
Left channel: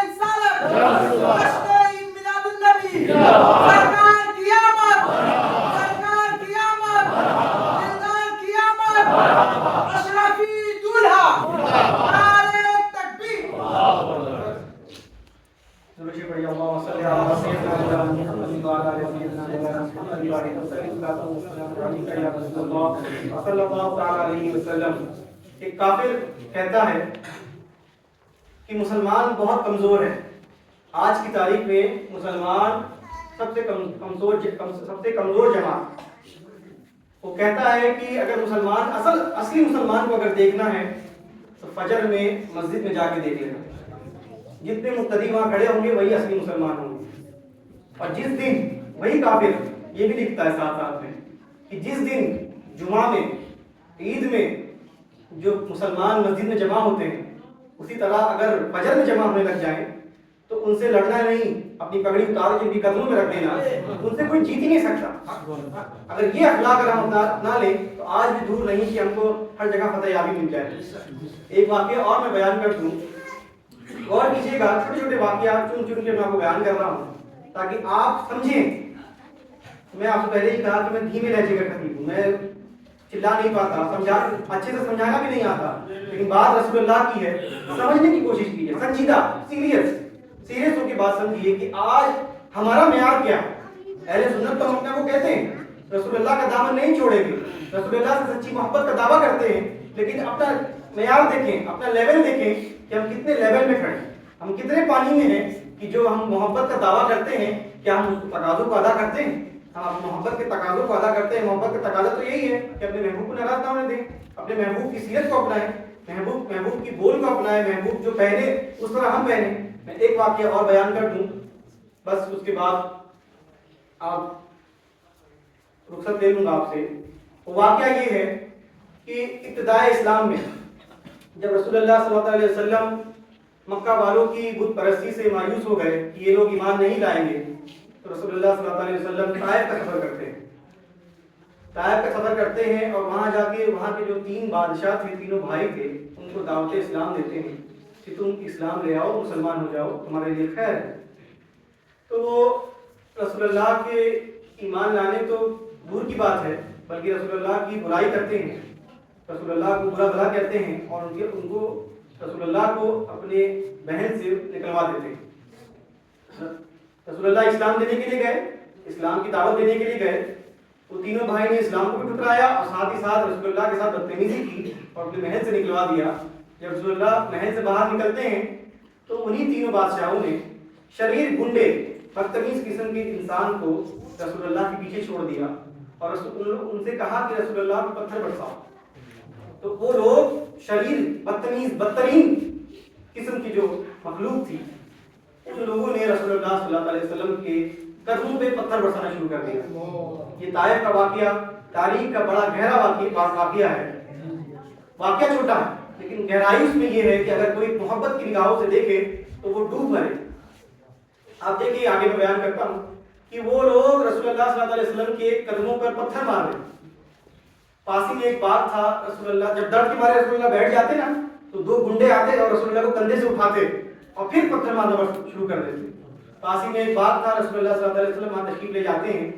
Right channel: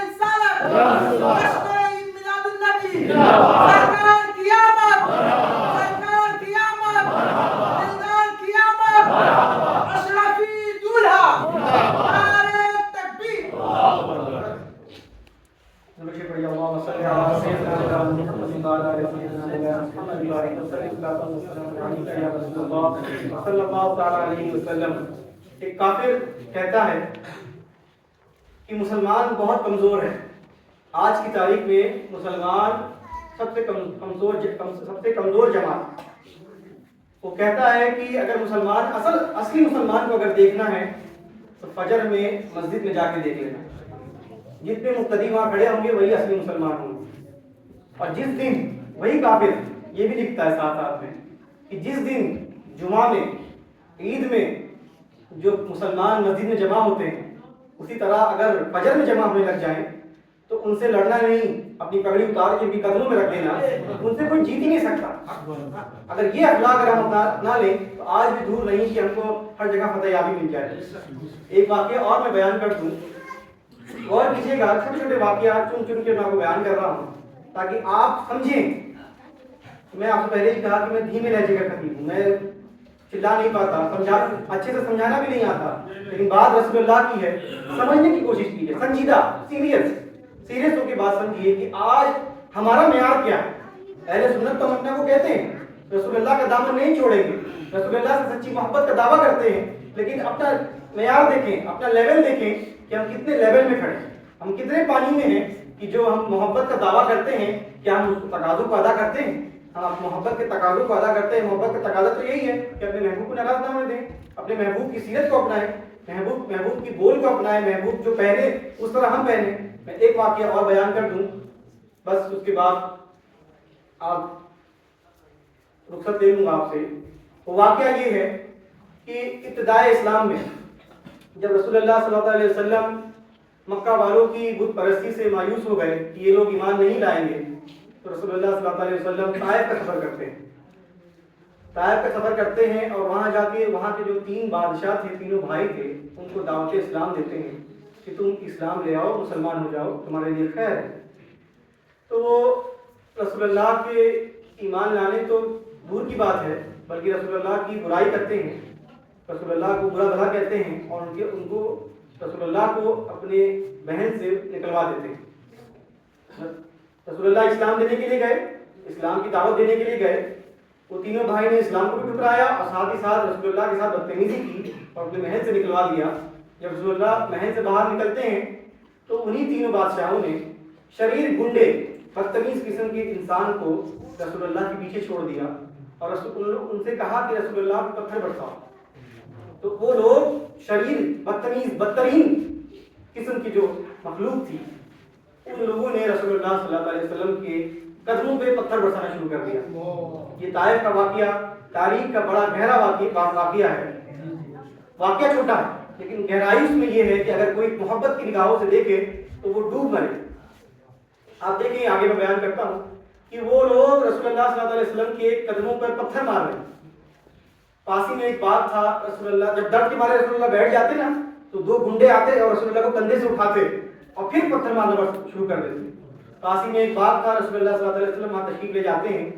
رسالت، جشن میلاد النبی، سرکار کی آمد، سرکار کی آمد، دلدار کی آمد، اشرفی دولہا، نعرہ تکبیر. اللهم صل على سيدنا محمد وعلى ال سيدنا محمد صلی اللہ تعالی علیہ وسلم. ایک کافر کہتا ہے کہ مسلمان بہت کمزور ہے. آج کی تاریخ میں مسلمان سب سے کمزور جماعت. وہ کہتا ہے کہ اگر مسلمان اصلی مسلمان کو اگر دیکھنا ہے تو فجر میں مسجد میں جا کے دیکھ لینا. جتنے مقتدی وہاں کھڑے ہوں گے وہی اصلی مسلمان ہوں گے. اور جس دن وہی کافر یہ بھی لکھتا ہے ساتھ ساتھ میں کہ جس دن جمعہ میں عید میں جو مسلمان مسجد میں جمع ہوتے ہیں اسی طرح اگر فجر میں جمع ہونے لگ جائیں تو ان سے لڑنا نہیں, اپنی پگڑی اتار کے بھی قدموں میں رکھ دینا, ان سے کوئی جیت ہی نہیں سکتا. اگر یہ اخلاق اگر ہم اپنا لیں تو آج بھی دور نہیں کہ ہم کو ہر جگہ فتح یابی مل جائے. ایک واقعہ اور میں بیان کر دوں, اور کیجیے گا, چھوٹے چھوٹے واقعات چن چن کے میں آپ کو بیان کر رہا ہوں تاکہ آپ سمجھیں. میں آپ سے پہلے ہی کہا کہ میں دھیمے لہجے کا خطیب ہوں, میں چلا نہیں پاتا, اچھے سے سمجھانا بھی نہیں آتا, لیکن بات رسول اللہ کی ہے, سمجھنے کی کوشش کیجیے, سنجیدہ, سیریس ہو کے بات سمجھیے کہ آج ہمارا معیار کیا ہے. اہل سنت تو ہم اپنے کو کہتے ہیں رسول اللہ کا دامن نہیں چھوڑیں گے, رسول اللہ سے سچی محبت کا دعویٰ کرتے ہیں, لیکن اپنا معیار دیکھیں, اپنا لیول دیکھیں کہ ہم کتنے لیول میں کھڑے ہیں, ہم کتنے پانی میں ہیں کہ جو ہم محبت کا دعویٰ کرتے ہیں کیا ہم اس تقاضوں کو ادا کرتے ہیں. ہم محبت کے تقاضوں کو ادا کرتے ہیں. محبت کا تقاضا تو یہی ہے کہ اپنے محبوب کو ناراض نہ ہونے دیں, اپنے محبوب کی سیرت کو اپنائیں, محبوب کی بول کو اپنائیں, محبوب جو پہنے اس طرح ہم پہنے. میں ایک واقعہ اور بیان کر دوں بس, اس کے بعد آپ رخصت لے لوں گا آپ سے. وہ واقعہ یہ ہے کہ ابتدائے اسلام میں جب رسول اللہ صلی اللہ علیہ وسلم مکہ والوں کی بت پرستی سے مایوس ہو گئے کہ یہ لوگ ایمان نہیں لائیں گے, تو رسول اللہ صلی اللہ علیہ وسلم طائف کا سفر کرتے ہیں. طائف کا سفر کرتے ہیں اور وہاں جا کے وہاں کے جو 3 بادشاہ تھے, تینوں بھائی تھے, ان کو دعوت اسلام دیتے ہیں کہ تم اسلام لے آؤ, مسلمان ہو جاؤ, تمہارے لیے خیر ہے. تو وہ رسول اللہ کے ایمان لانے تو دور کی بات ہے, بلکہ رسول اللہ کی برائی کرتے ہیں, رسول اللہ کو برا بھلا کہتے ہیں, اور ان کو رسول اللہ کو اپنے بہن سے نکلوا دیتے ہیں. رسول اللہ اسلام دینے کے لیے گئے, اسلام کی دعوت دینے کے لیے گئے, وہ تینوں بھائی نے اسلام کو بھی ٹھکرایا اور ساتھ ہی ساتھ رسول اللہ کے ساتھ بدتمیزی کی اور اپنے محل سے نکلوا دیا. جب رسول اللہ محل سے باہر نکلتے ہیں تو انہی تینوں بادشاہوں نے شریر گنڈے بدتمیز قسم کے انسان کو رسول اللہ کے پیچھے چھوڑ دیا اور ان سے کہا کہ رسول اللہ پہ پتھر برساؤ. تو وہ لوگ شریر بدتمیز بدترین قسم کی جو مخلوق تھی, ان لوگوں نے رسول اللہ صلی اللہ علیہ وسلم کے قدموں پہ پتھر برسانا شروع کر دیا. یہ طائف کا واقعہ تاریخ کا بڑا گہرا واقعہ ہے. واقعہ چھوٹا ہے لیکن گہرائی اس میں یہ ہے کہ اگر کوئی محبت کی نگاہوں سے دیکھے تو وہ ڈوب مرے. آپ دیکھیں, آگے میں بیان کرتا ہوں کہ وہ لوگ رسول اللہ صلی اللہ علیہ وسلم کے قدموں پر پتھر مار رہے. پاس ہی میں ایک بات تھا, رسول اللہ جب درد کے مارے رسول اللہ بیٹھ جاتے نا تو 2 گنڈے آتے اور رسول اللہ کو کندھے سے اٹھاتے اور پھر پتھر مارنا شروع کر دیتے. پاس ہی میں ایک بات تھا, رسول اللہ صلی اللہ علیہ وسلم وہاں تشریف لے جاتے ہیں,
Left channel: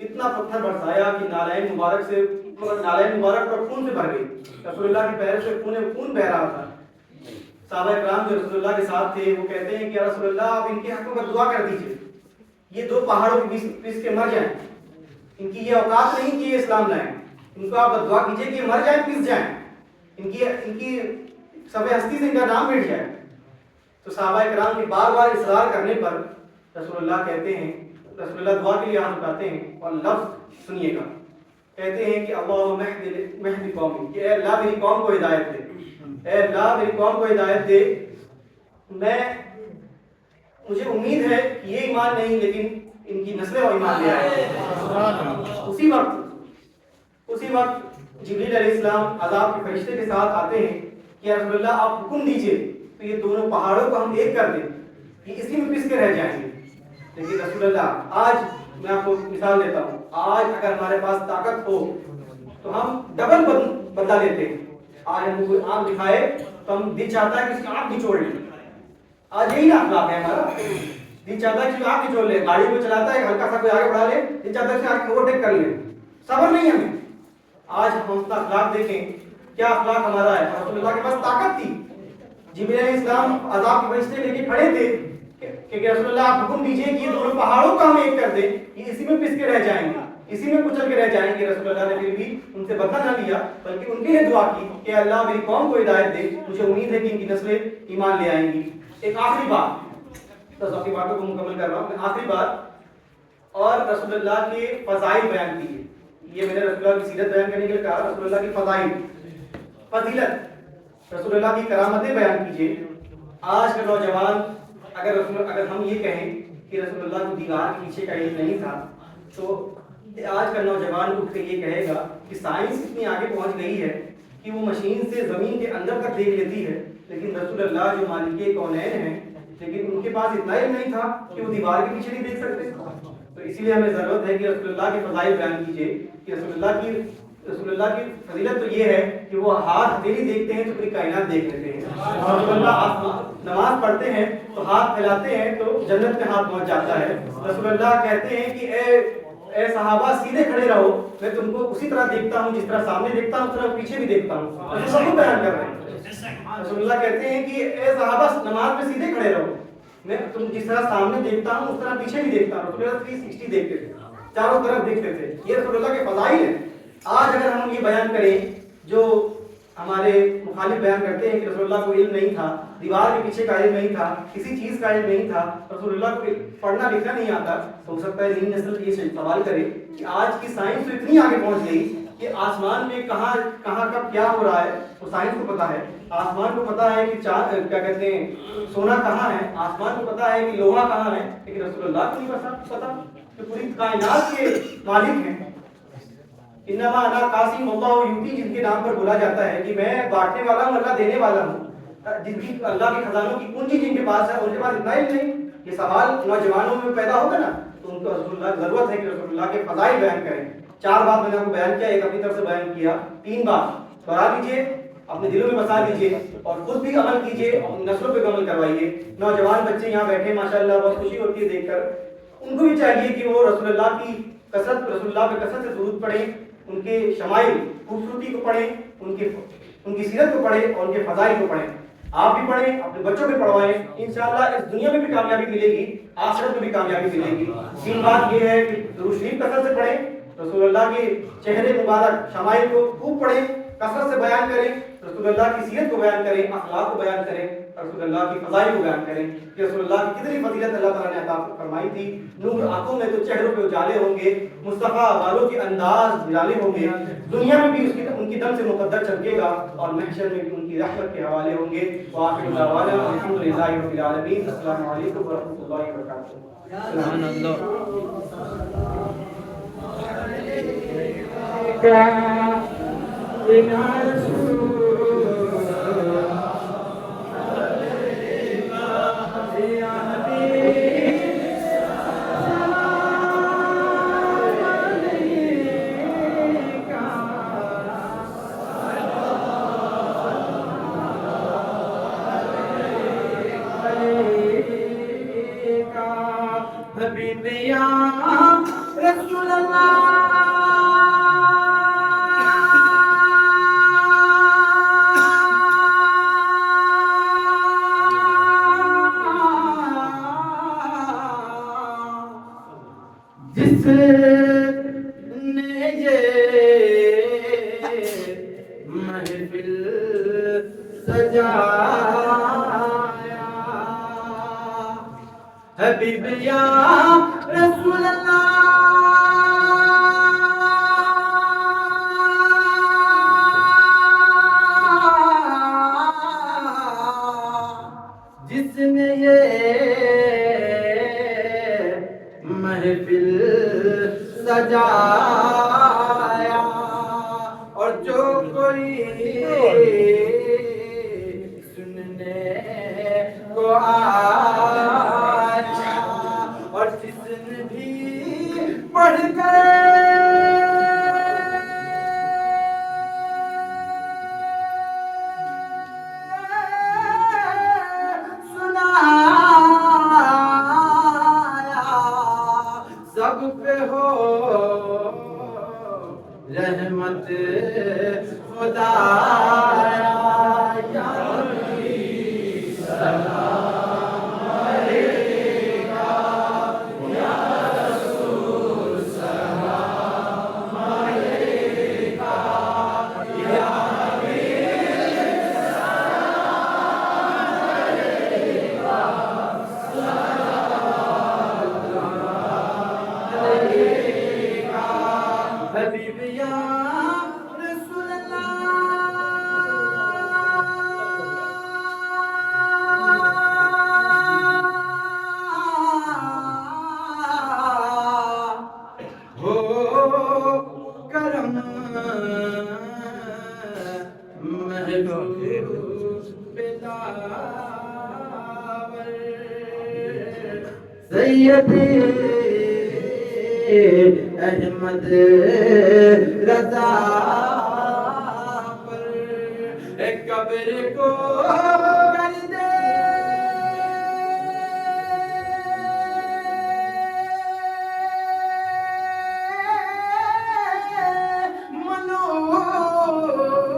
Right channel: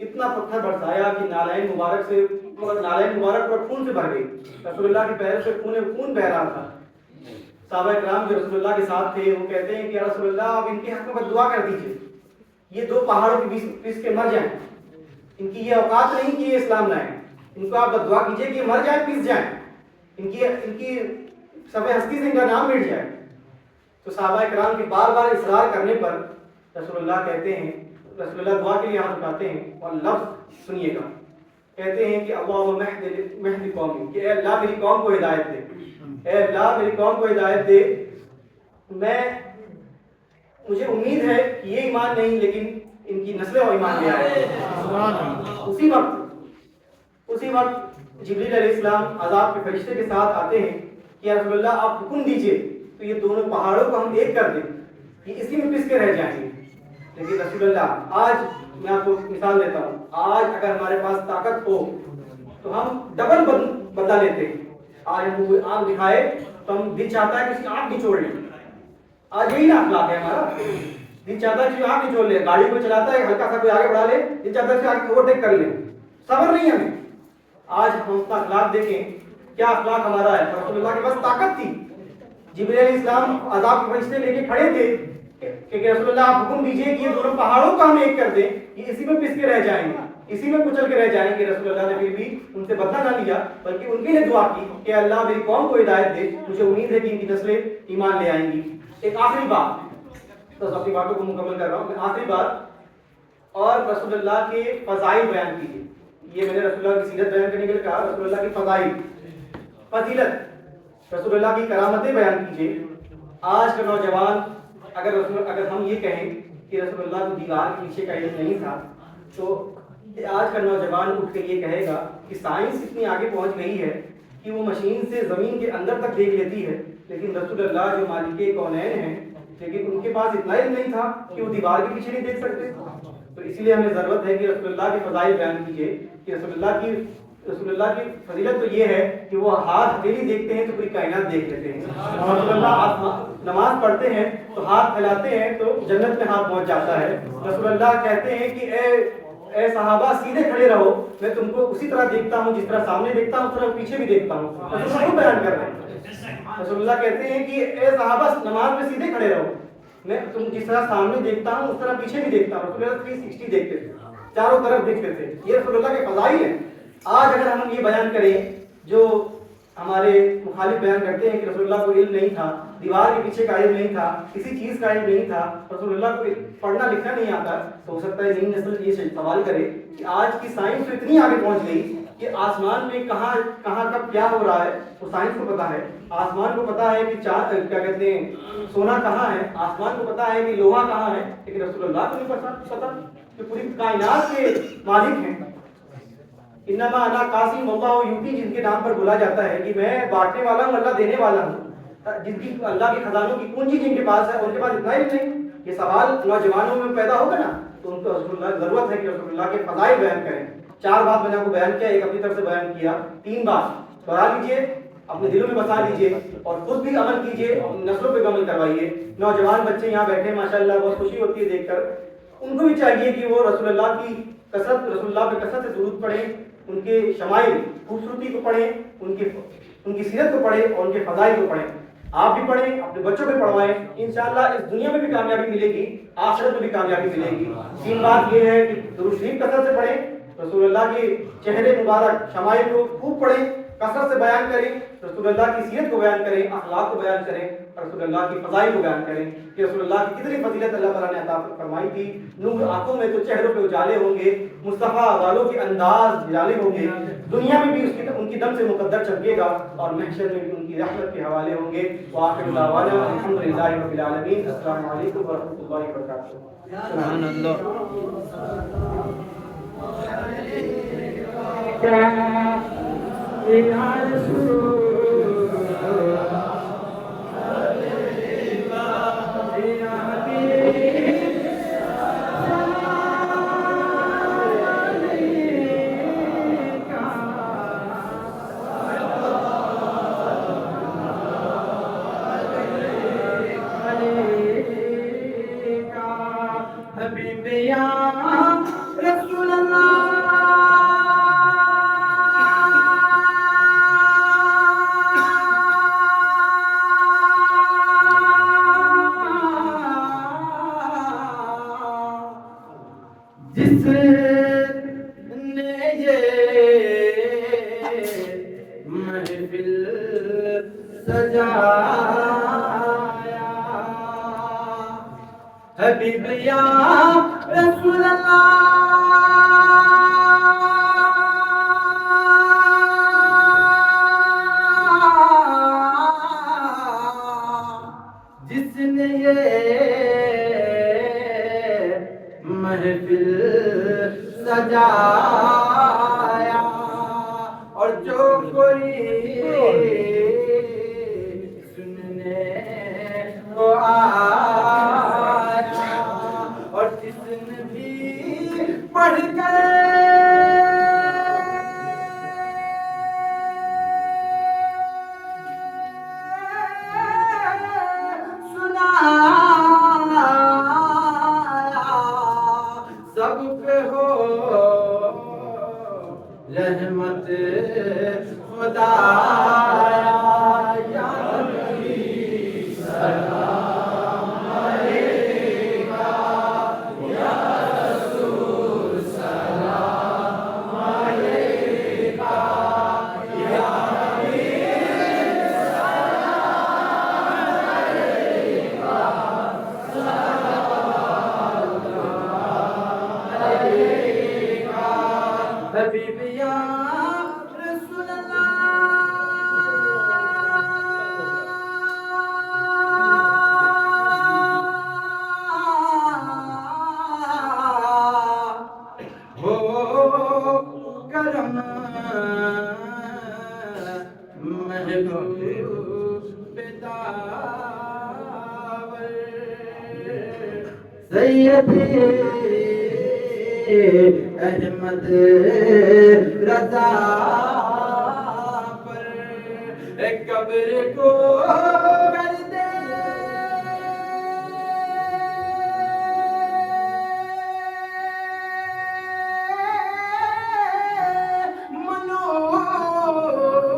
اتنا پتھر برسایا کہ نالین مبارک پر خون سے بھر گئی. رسول اللہ کے پیر سے خون بہ رہا تھا. صحابہ کرام جو رسول اللہ کے ساتھ تھے وہ کہتے ہیں کہ یا رسول اللہ آپ ان کے حق میں دعا کر دیجئے, یہ 2 پہاڑوں کے بیچ پس کے مر جائیں, ان کی یہ اوقات نہیں کہ یہ اسلام لائیں, ان کو آپ دعا کیجئے کہ یہ مر جائیں, پس جائیں, ان کی سب ہستی سے ان کا نام مٹ جائے. تو صحابہ کرام کے بار بار اصرار کرنے پر رسول اللہ کہتے ہیں, رسول اللہ دعا کے لیے ہاتھ اٹھاتے ہیں اور لفظ سنیے گا, کہتے ہیں کہ اللہم مہد قومی, کہ اے اللہ میری قوم کو ہدایت دے, اے اللہ میری قوم کو ہدایت دے. مجھے امید ہے کہ یہ ایمان نہیں لیکن ان کی نسلیں اور ایمان لے آئے. اسی وقت جبریل علیہ السلام عذاب کے فرشتے کے ساتھ آتے ہیں کہ یا رسول اللہ آپ حکم دیجئے تو یہ دونوں پہاڑوں کو ہم ایک کر دیں, یہ اسی میں پس کے رہ جائیں گے. لیکن رسول اللہ آج میں آپ کو مثال دیتا ہوں, آج اگر ہمارے پاس طاقت ہو تو ہم ڈبل بدلہ لیتے ہیں. آج ہم کوئی آگ دکھائے تو ہم دل چاہتا ہے کہ اس کی آنکھ نچوڑ لیں. آج یہی نا اخلاق ہے ہمارا, دل چاہتا ہے کہ آنکھ نچوڑ لے. گاڑی کو چلاتا ہے ہلکا سا کوئی آگے بڑھا لے, دل چاہتا ہے کہ آگے اوورٹیک کر لے. صبر نہیں ہمیں. آج ہم اپنا اخلاق دیکھیں, کیا اخلاق ہمارا ہے. رسول اللہ کے پاس طاقت تھی, جبریل علیہ السلام عذاب کے فرشتے لے کے کھڑے تھے کہ رسول اللہ آپ حکم دیجئے کہ یہ دونوں پہاڑوں کو ہم ایک کر دیں, یہ اسی میں پس کے رہ جائیں گے, اسی میں کچل کے رہ جائیں گے. رسول اللہ نے پھر بھی ان سے بدلہ نہ لیا, بلکہ ان کے لیے دعا کی کہ اللہ میری قوم کو ہدایت دے, مجھے امید ہے کہ ان کی نسلیں ایمان لے آئیں گی. ایک آخری بات, بس اپنی باتوں کو مکمل کر رہا ہوں میں, آخری بات, اور رسول اللہ کے فضائل بیان کیجیے. یہ میں نے رسول اللہ کی سیرت بیان کرنے کے لیے کہا, رسول اللہ کی فضائل, فضیلت, رسول اللہ کی کرامتیں بیان کیجیے. آج کے نوجوان اگر ہم یہ کہیں کہ رسول اللہ کو دیوار کے پیچھے کا علم نہیں تھا, تو آج کا نوجوان اٹھ کے یہ کہے گا کہ سائنس اتنی آگے پہنچ گئی ہے کہ وہ مشین سے زمین کے اندر تک دیکھ لیتی ہے, لیکن رسول اللہ جو مالک کونین ہیں, لیکن ان کے پاس اتنا علم نہیں تھا کہ وہ دیوار کے پیچھے نہیں دیکھ سکتے. تو اسی لیے ہمیں ضرورت ہے کہ رسول اللہ کے فضائل بیان کیجیے کہ رسول اللہ کی فضیلت تو یہ ہے کہ وہ ہاتھ ہتھیلی دیکھتے ہیں تو پوری کائنات دیکھ لیتے ہیں. رسول اللہ نماز پڑھتے ہیں تو ہاتھ پھیلاتے ہیں تو جنت میں ہاتھ پہنچ جاتا ہے. رسول اللہ کہتے ہیں کہ اے صحابہ سیدھے کھڑے رہو, میں تم کو اسی طرح دیکھتا ہوں جس طرح سامنے دیکھتا ہوں اس طرح پیچھے بھی دیکھتا ہوں. رسول اللہ بیان کر رہے ہیں, رسول اللہ کہتے ہیں کہ اے صحابہ نماز میں سیدھے کھڑے رہو, میں تم جس طرح سامنے دیکھتا ہوں اس طرح پیچھے بھی دیکھتا ہوں. رسول اللہ 360 دیکھتے تھے, چاروں طرف دیکھتے تھے. یہ رسول اللہ کے فضائل ہیں. آج اگر ہم یہ بیان کریں جو ہمارے مخالف بیان کرتے ہیں کہ رسول اللہ کو علم نہیں تھا, دیوار کے پیچھے کا علم نہیں تھا, کسی چیز کا علم نہیں تھا, رسول اللہ کو پڑھنا لکھنا نہیں آتا, تو ہو سکتا ہے نئی نسل یہ سوال کرے کہ آج کی سائنس تو اتنی آگے پہنچ گئی کہ آسمان میں کہاں کب کیا ہو رہا ہے وہ سائنس کو پتا ہے. آسمان کو پتا ہے کہ کیا کہتے ہیں سونا کہاں ہے, آسمان کو پتا ہے کہ لوہا کہاں ہے, لیکن رسول اللہ کو نہیں پتا کہ پوری کائنات کے مالک ہیں. انما انا قاسم اللہ یوتی, جن کے نام پر بولا جاتا ہے کہ میں بانٹنے والا ہوں, اللہ دینے والا ہوں. جن کی اللہ کے خزانوں کی کنجی جن کے پاس ہے, ان کے پاس اتنا ہی نہیں. یہ سوال نوجوانوں میں پیدا ہوگا نا, تو ان کو رسول اللہ ضرورت ہے کہ رسول اللہ کے فضائل بیان کریں. 4 بات میں نے آپ کو بیان کیا, ایک اپنی طرف سے بیان کیا, 3 بات دوہرا لیجیے, اپنے دلوں میں بسا لیجیے اور خود بھی عمل کیجیے, نسلوں پہ عمل کروائیے. نوجوان بچے یہاں بیٹھے ماشاءاللہ, بہت خوشی ہوتی ہے دیکھ کر. ان کو بھی چاہیے کہ وہ رسول اللہ پہ کثرت سے درود پڑھیں, ان کے شمائل خوبصورتی کو پڑھیں, ان کی سیرت کو پڑھیں اور ان کے فضائل کو پڑھیں. آپ بھی پڑھیں, اپنے بچوں پہ پڑھوائیں, انشاءاللہ اس دنیا میں بھی کامیابی ملے گی, آخرت میں بھی کامیابی ملے گی. 3 بات یہ ہے کہ درود شریف کثرت سے پڑھیں, رسول اللہ کے چہرے مبارک شمائل کو خوب پڑھیں, کثرت سے بیان کریں, رسول اللہ کی سیرت کو بیان کریں, اخلاق کو بیان کریں, رسول اللہ کی فضائل کو بیان کریں کہ رسول اللہ کی کتنی فضیلت اللہ تعالیٰ نے عطا فرمائی تھی. نور آنکھوں میں تو چہروں پہ اجالے ہوں گے, مصطفیٰ والوں کے انداز نرالے ہوں گے, دنیا میں بھی ان کی دم سے مقدر چمکے گا اور محشر میں بھی ان کی رحمت کے حوالے ہوں گے. وآخر دعوانا الحمدللہ رب العالمین. السلام علیکم ورحمۃ اللہ وبرکاتہ. سبحان اللہ. رسول اللہ جس نے یہ محفل سجایا, حبیب یا رسول اللہ جس نے یہ محفل رحمت خدایا یا نبی سلام علیکہ یا رسول سلام علیکہ یا حبیب یا رسول اللہ ہو کرم محبوب بداور سیدی احمد رضا پر قبر کو کر دے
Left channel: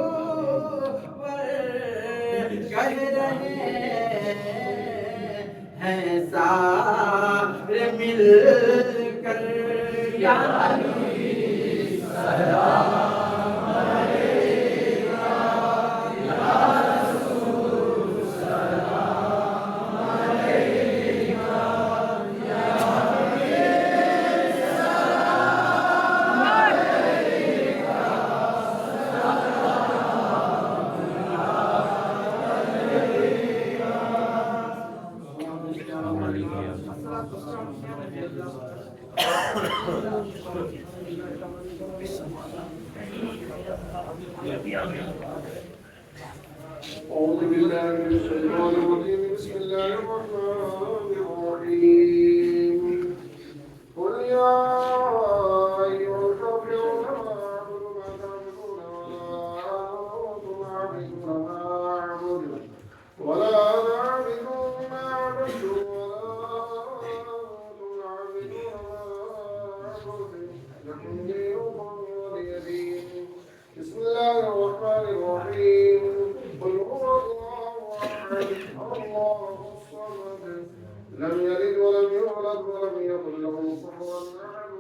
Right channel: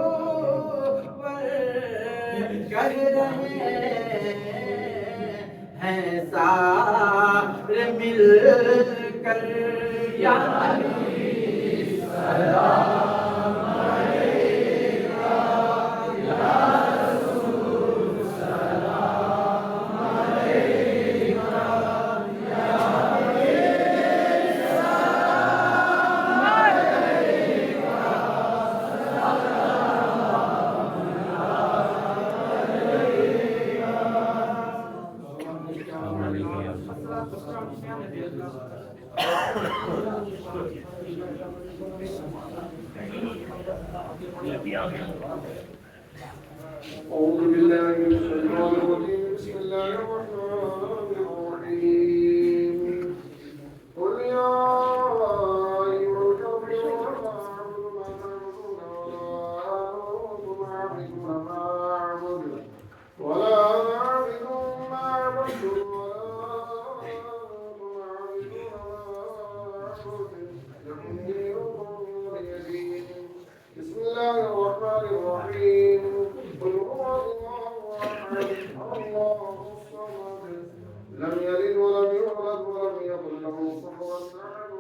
منور کر رہے ہیں سارے مل کر یا نبی سلام علیکہ یا رسول سلام علیکہ یا نبی سلام علیکہ أعوذ بالله من الشيطان الرجيم بسم الله الرحمن الرحيم قل يا أيها الكافرون لا أعبد ما تعبدون ولا أنتم عابدون ما أعبد ولا أنتم عابدون ما أعبد لكم دينكم ولي دين بسم الله الرحمن الرحيم قل هو الله أحد الله الصمد لم يلد ولم يولد ولم يكن له كفوا أحد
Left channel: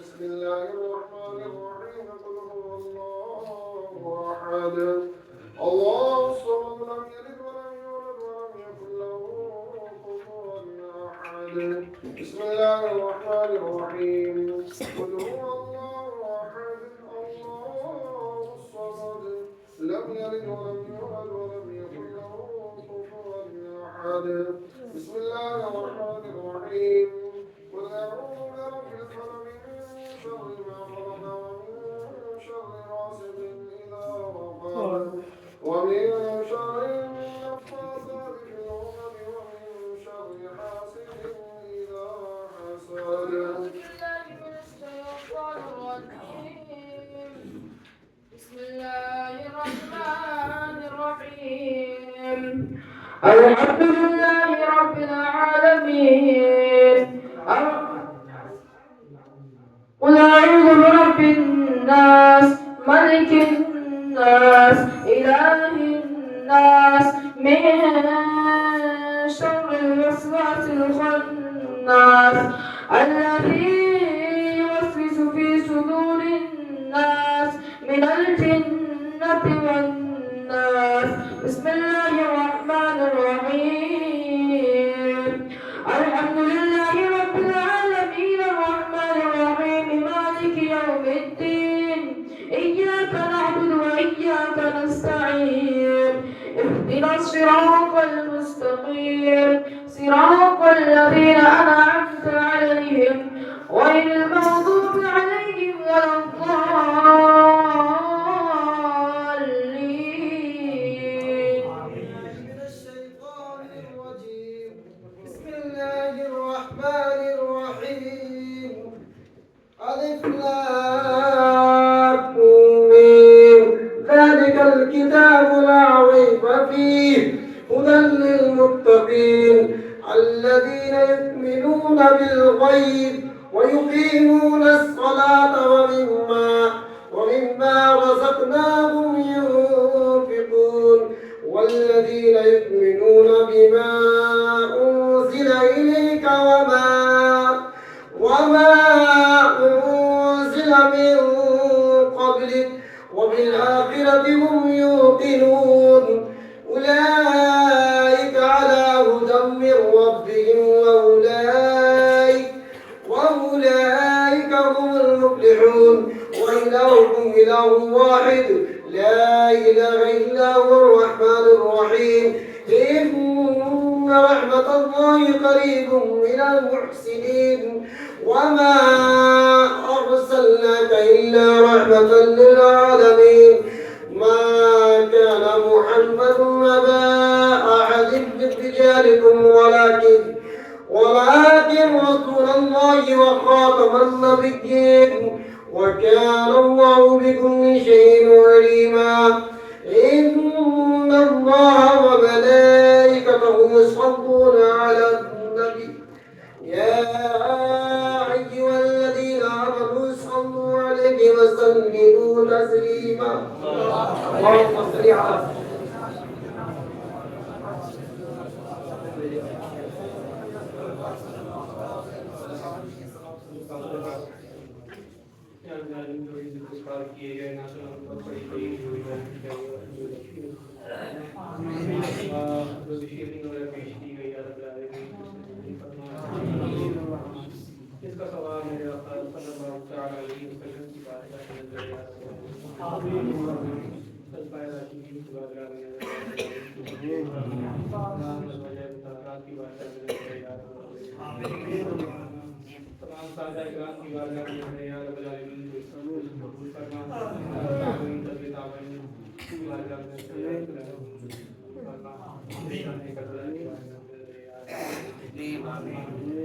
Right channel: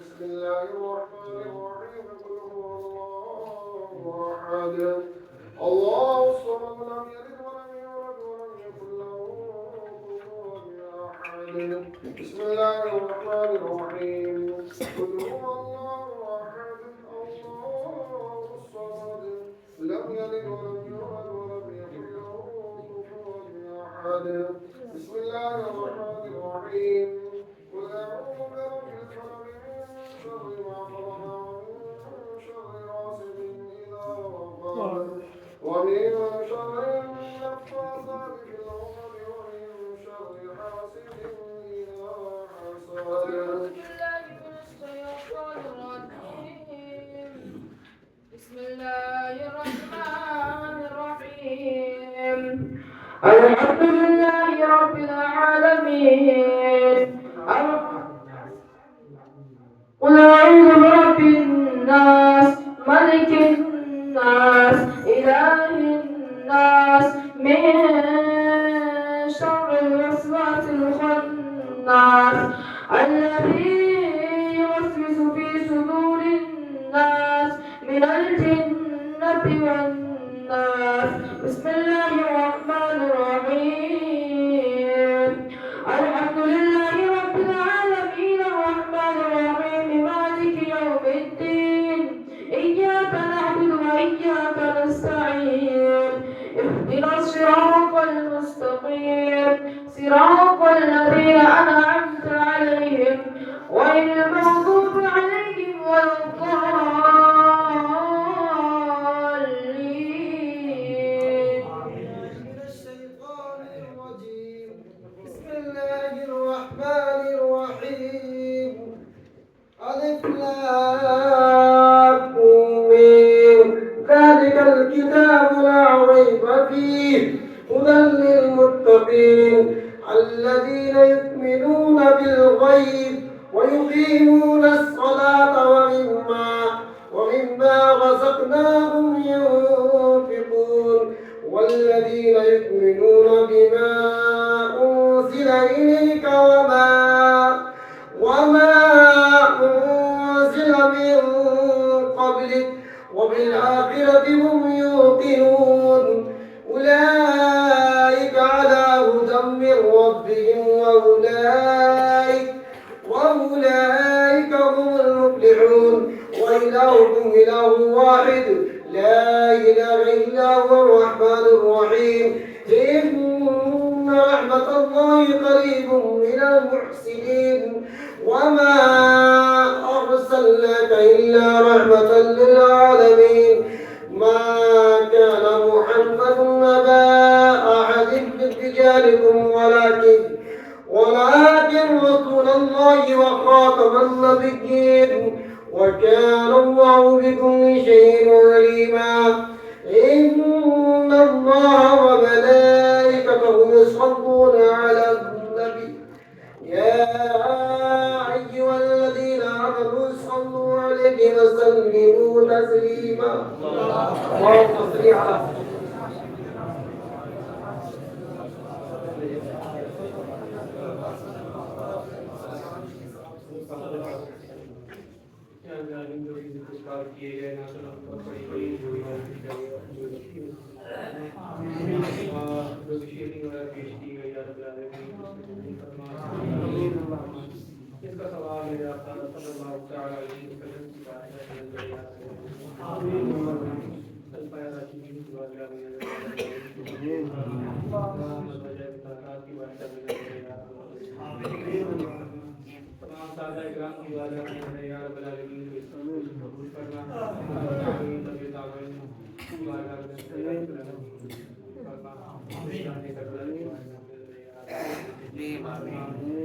بسم الله الرحمن الرحيم قل هو الله أحد الله الصمد لم يلد ولم يولد ولم يكن له كفوا أحد بسم الله الرحمن الرحيم قل هو الله أحد الله الصمد لم يلد ولم يولد ولم يكن له كفوا أحد بسم الله الرحمن الرحيم قل أعوذ برب الفلق من شر ما خلق ومن شر غاسق إذا وقب ومن شر النفاثات في العقد ومن شر حاسد إذا حسد بسم الله الرحمن الرحيم الحمد لله رب العالمين قل أعوذ برب الناس ملك الناس إله الناس من شر الوسواس الخناس الذي يوسوس في صدور الناس من الجنة والناس بسم الله الرحمن الرحيم الحمد لله رب العالمين الرحمن الرحيم مالك يوم الدين إياك نعبد وإياك نستعين اهدنا الصراط المستقيم صراط الذين أنعمت عليهم غير المغضوب عليهم ولا الضالين من الشيطان الرجيم بسم الله الرحمن الرحيم ألف لام ميم ذلك الكتاب لا ريب فيه هدى للمتقين الذين يؤمنون بالغيب ويقيمون الصلاة ومما رزقناهم ينفقون والذين يؤمنون بما أنزل إليك وما أنزل من قبلك وبالآخرة هم يوقنون أولئك على هدى من ربهم وأولئك هم المفلحون وإلهكم إله واحد لا إله إلا هو الرحمن الرحيم إن رحمة الله قريب من المحسنين وما أرسلناك إلا رحمة للعالمين ما كان محمد أبا أحد من رجالكم ولكن رسول الله وخاتم النبيين وكان الله بكل شيء عليما إن الله وملائكته يصلون على النبي يا أيها الذين آمنوا صلوا عليه وسلموا تسليما اللهم صل على اس کا ثواب میرے آقا صلی اللہ تعالی علیہ وسلم کی بات تمام سادہ اکرام کی بات یا رب العالمین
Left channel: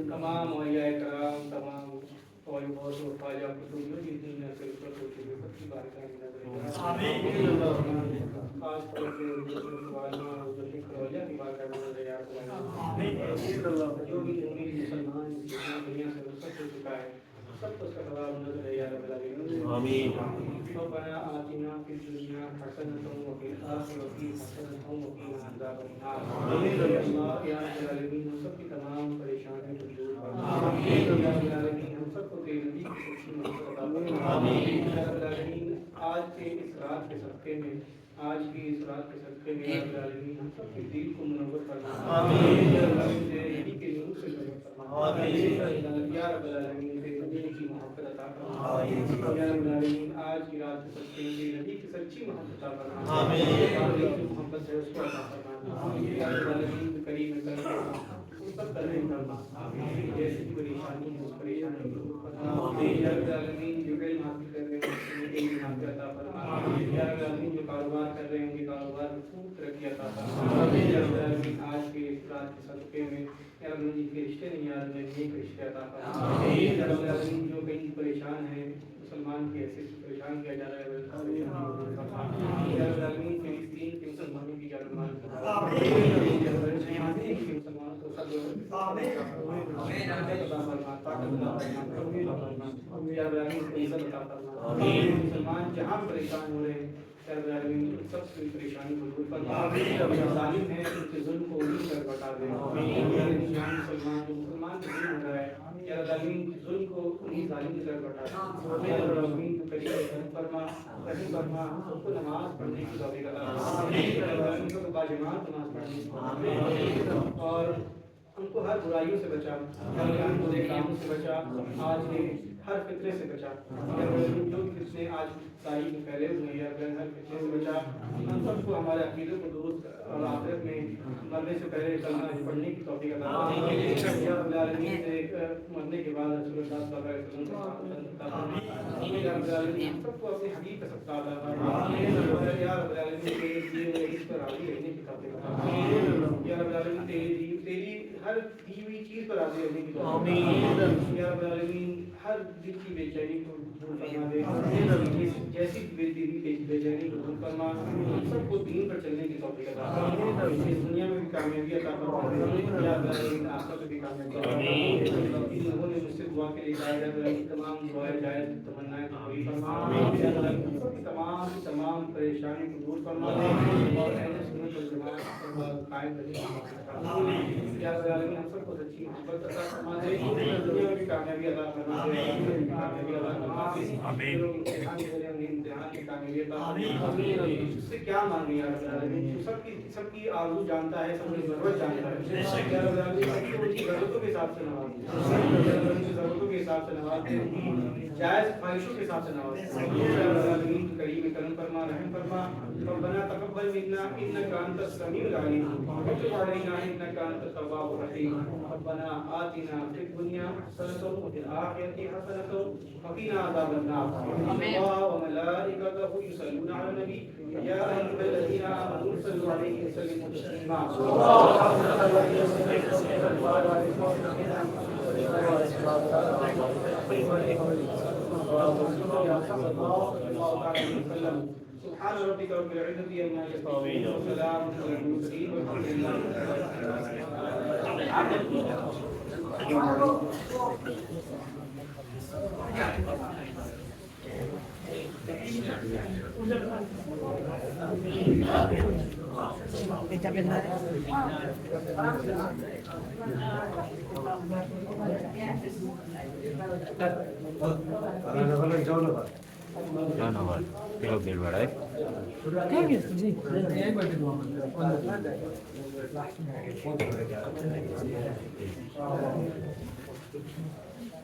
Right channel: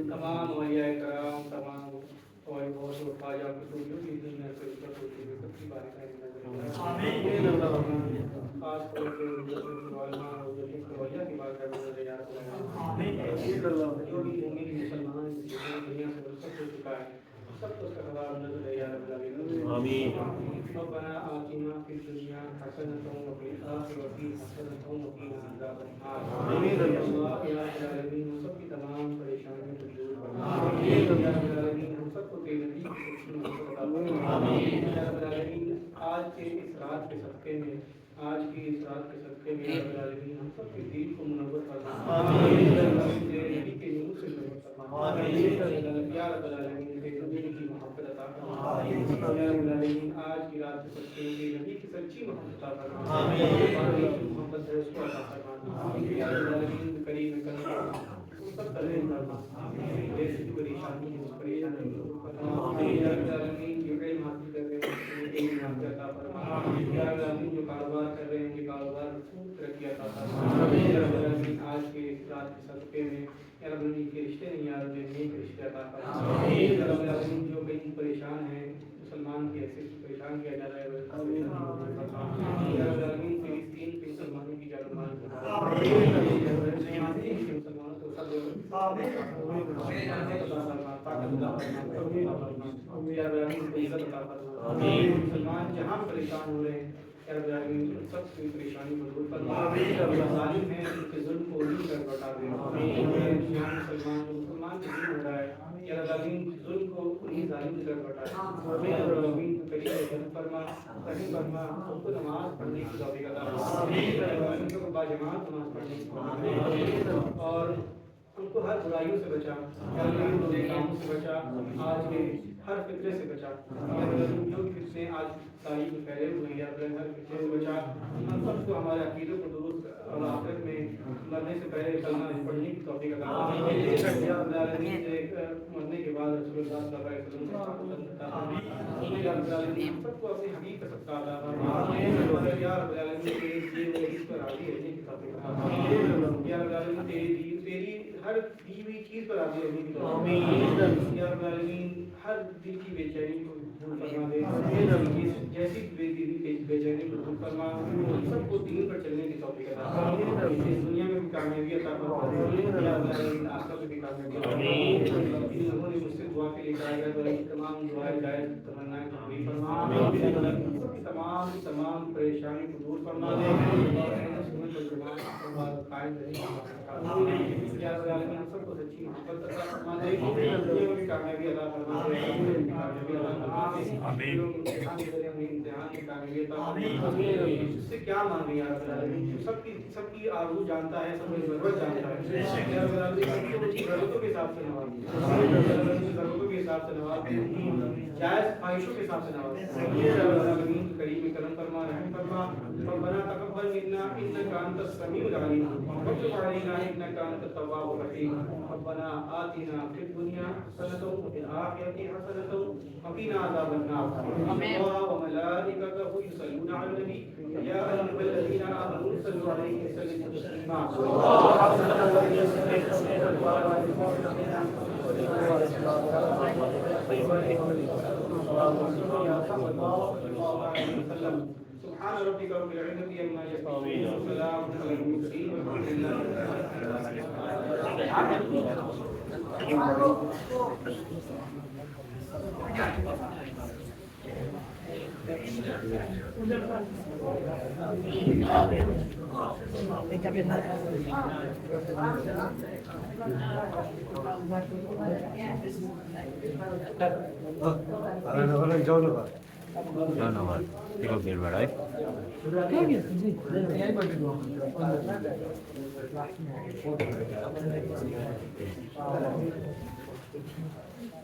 تمام اولیاء کرام تمام اور بہت سے خواجہ رسولوں کی دین ہے اس پر ہوتی ہے سب کی بارگاہ میں خاص طور سے والنا اور ذکر خواجہ کی بارگاہ میں جو بھی مسلمان دنیا سے رخصت ہو چکا ہے سب کو اس کا ثواب نظر ہے یا رب العالمین آمین ربنا آتنا فی الدنیا حسنۃ وفی الآخرۃ حسنۃ وقنا عذاب النار آمین اللہ یا رب العالمین ہم سب کی تمام پریشانیوں کو دور فرما آمین یا رب العالمین ہم سب کو تیرے نبی کی سچی محبت عطا فرما آمین یا رب العالمین آج کے اس رات کے صدقے میں یا رب العالمین ہم سب کے دل کو منور فرما آمین یا رب العالمین تیرے نبی کے نور سے منور فرما آمین یا رب العالمین تیرے نبی کی محبت عطا فرما آمین یا رب العالمین آج کی رات کے صدقے میں تیرے نبی کی سچی محبت عطا فرما آمین کی محبت ہے اس کو عطا فرما آمین یا رب العالمین کریم کرم سب کرنے فرما آمین جیسی پریشانی ہے اس پریشانی کو فرما آمین یا رب العالمین جو علم حاصل کر رہے ہیں علم حاصل عطا فرما آمین یا رب العالمین جو کاروبار کر رہے ہیں کہ کاروبار میں خوب ترقی عطا فرما آمین یا رب العالمین آج کے اس رات کے صدقے میں یا رب العالمین کے رشتے نہیں آ رہے ہیں نیک رشتے عطا فرما آمین یا رب العالمین جو کہیں پریشان ہیں مسلمان کی حیثیت سے پریشان کیا جا رہا ہے پریشانی کو دور فرما یا رب العالمین تیری دین کے مسلمانوں کی جان و مال کی مسلمانوں کو سب عطا فرما طاقت عطا فرما یا رب العالمین کو عزت عطا فرما مسلمان جہاں پریشان ہو رہے ہیں یا رب العالمین سب کی پریشانی کو دور فرما جو ظالم ہیں ان کے ظلم کو نہیں کر بٹا دے جہاں مسلمان کے ظلم ہو رہا ہے یا رب العالمین ظلم کو انہیں ظالم کی طرف بٹا دے یا رب العالمین فرما رحیم فرما سب کو نماز پڑھنے کی توفیق عطا فرما یا رب العالمین کو باجماعت نماز پڑھنے کی توفیق عطا فرما اور ان کو ہر برائیوں سے بچا یا رب العالمین برے کاموں سے بچا آج کے ہر فطرے سے بچا یا رب العالمین جو بھی فتنے آج تاریخ میں پھیلے ہوئے ہیں یا رب العالمین ہر فتنے سے بچا ہم سب کو ہمارے عقیدوں کو درست اور آخرت میں مرنے سے پہلے کلمہ پڑھنے کی توفیق عطا فرما یا رب العالمین سے مرنے کے بعد رسول اللہ صلی اللہ علیہ وسلم کا پسند عطا فرما یا رب العالمین سب کو اپنے حبیب کا صدقہ عطا فرما یا رب العالمین تیرے دیے ہوئے اس پر راضی رہنے کی توفیق عطا فرما یا رب العالمین تیری ہر دی ہوئی چیز پر راضی رہنے کی توفیق یا رب العالمین ہر دل کی بے چینی کو دور فرما دے جیسے ایسی بے چینی کو دور فرما ہم سب کو دین پر چلنے کی توفیق عطا فرما اس دنیا میں بھی کامیابی عطا فرما یا اللہ آخرت میں بھی کامیابی عطا فرما انہوں نے مجھ سے دعا کے لیے کہا ہے کہ تمام دعائیں جائز تمنائیں پوری فرما تمام پریشانی کو دور فرما اور اہل سنت والجماعت پر قائم رہنے کی یا رب العالمین ہم سب کو سچی محبت عطا فرما دے دنیا میں بھی کامیابی عطا فرما دے کامیابی عطا فرما دے آمین امتحان کی کامیابی عطا فرما دے اس سے کیا مانگے یا رب العالمین سب کی آرزو جانتا ہے سب کی ضرورت جانتا ہے یا رب العالمین سب کو ضرورتوں کے حساب سے نواز دے ضرورتوں کے حساب سے نواز دے جائز خواہشوں کے حساب سے نواز دے یا رب العالمین کریم کرم فرما رحم فرما ربنا تقبل منا انك انت السميع العليم وتب علينا انك انت التواب الرحيم ربنا آتنا في الدنيا حسنة وفي الآخرة حسنة وقنا عذاب النار الله وملائكته يصلون على النبي يا أيها الذين آمنوا صلوا عليه وسلموا تسليما سبحان ربك رب العزة عما يصفون وسلام على المرسلين والحمد لله ধন্যবাদ বেল বাড়ায়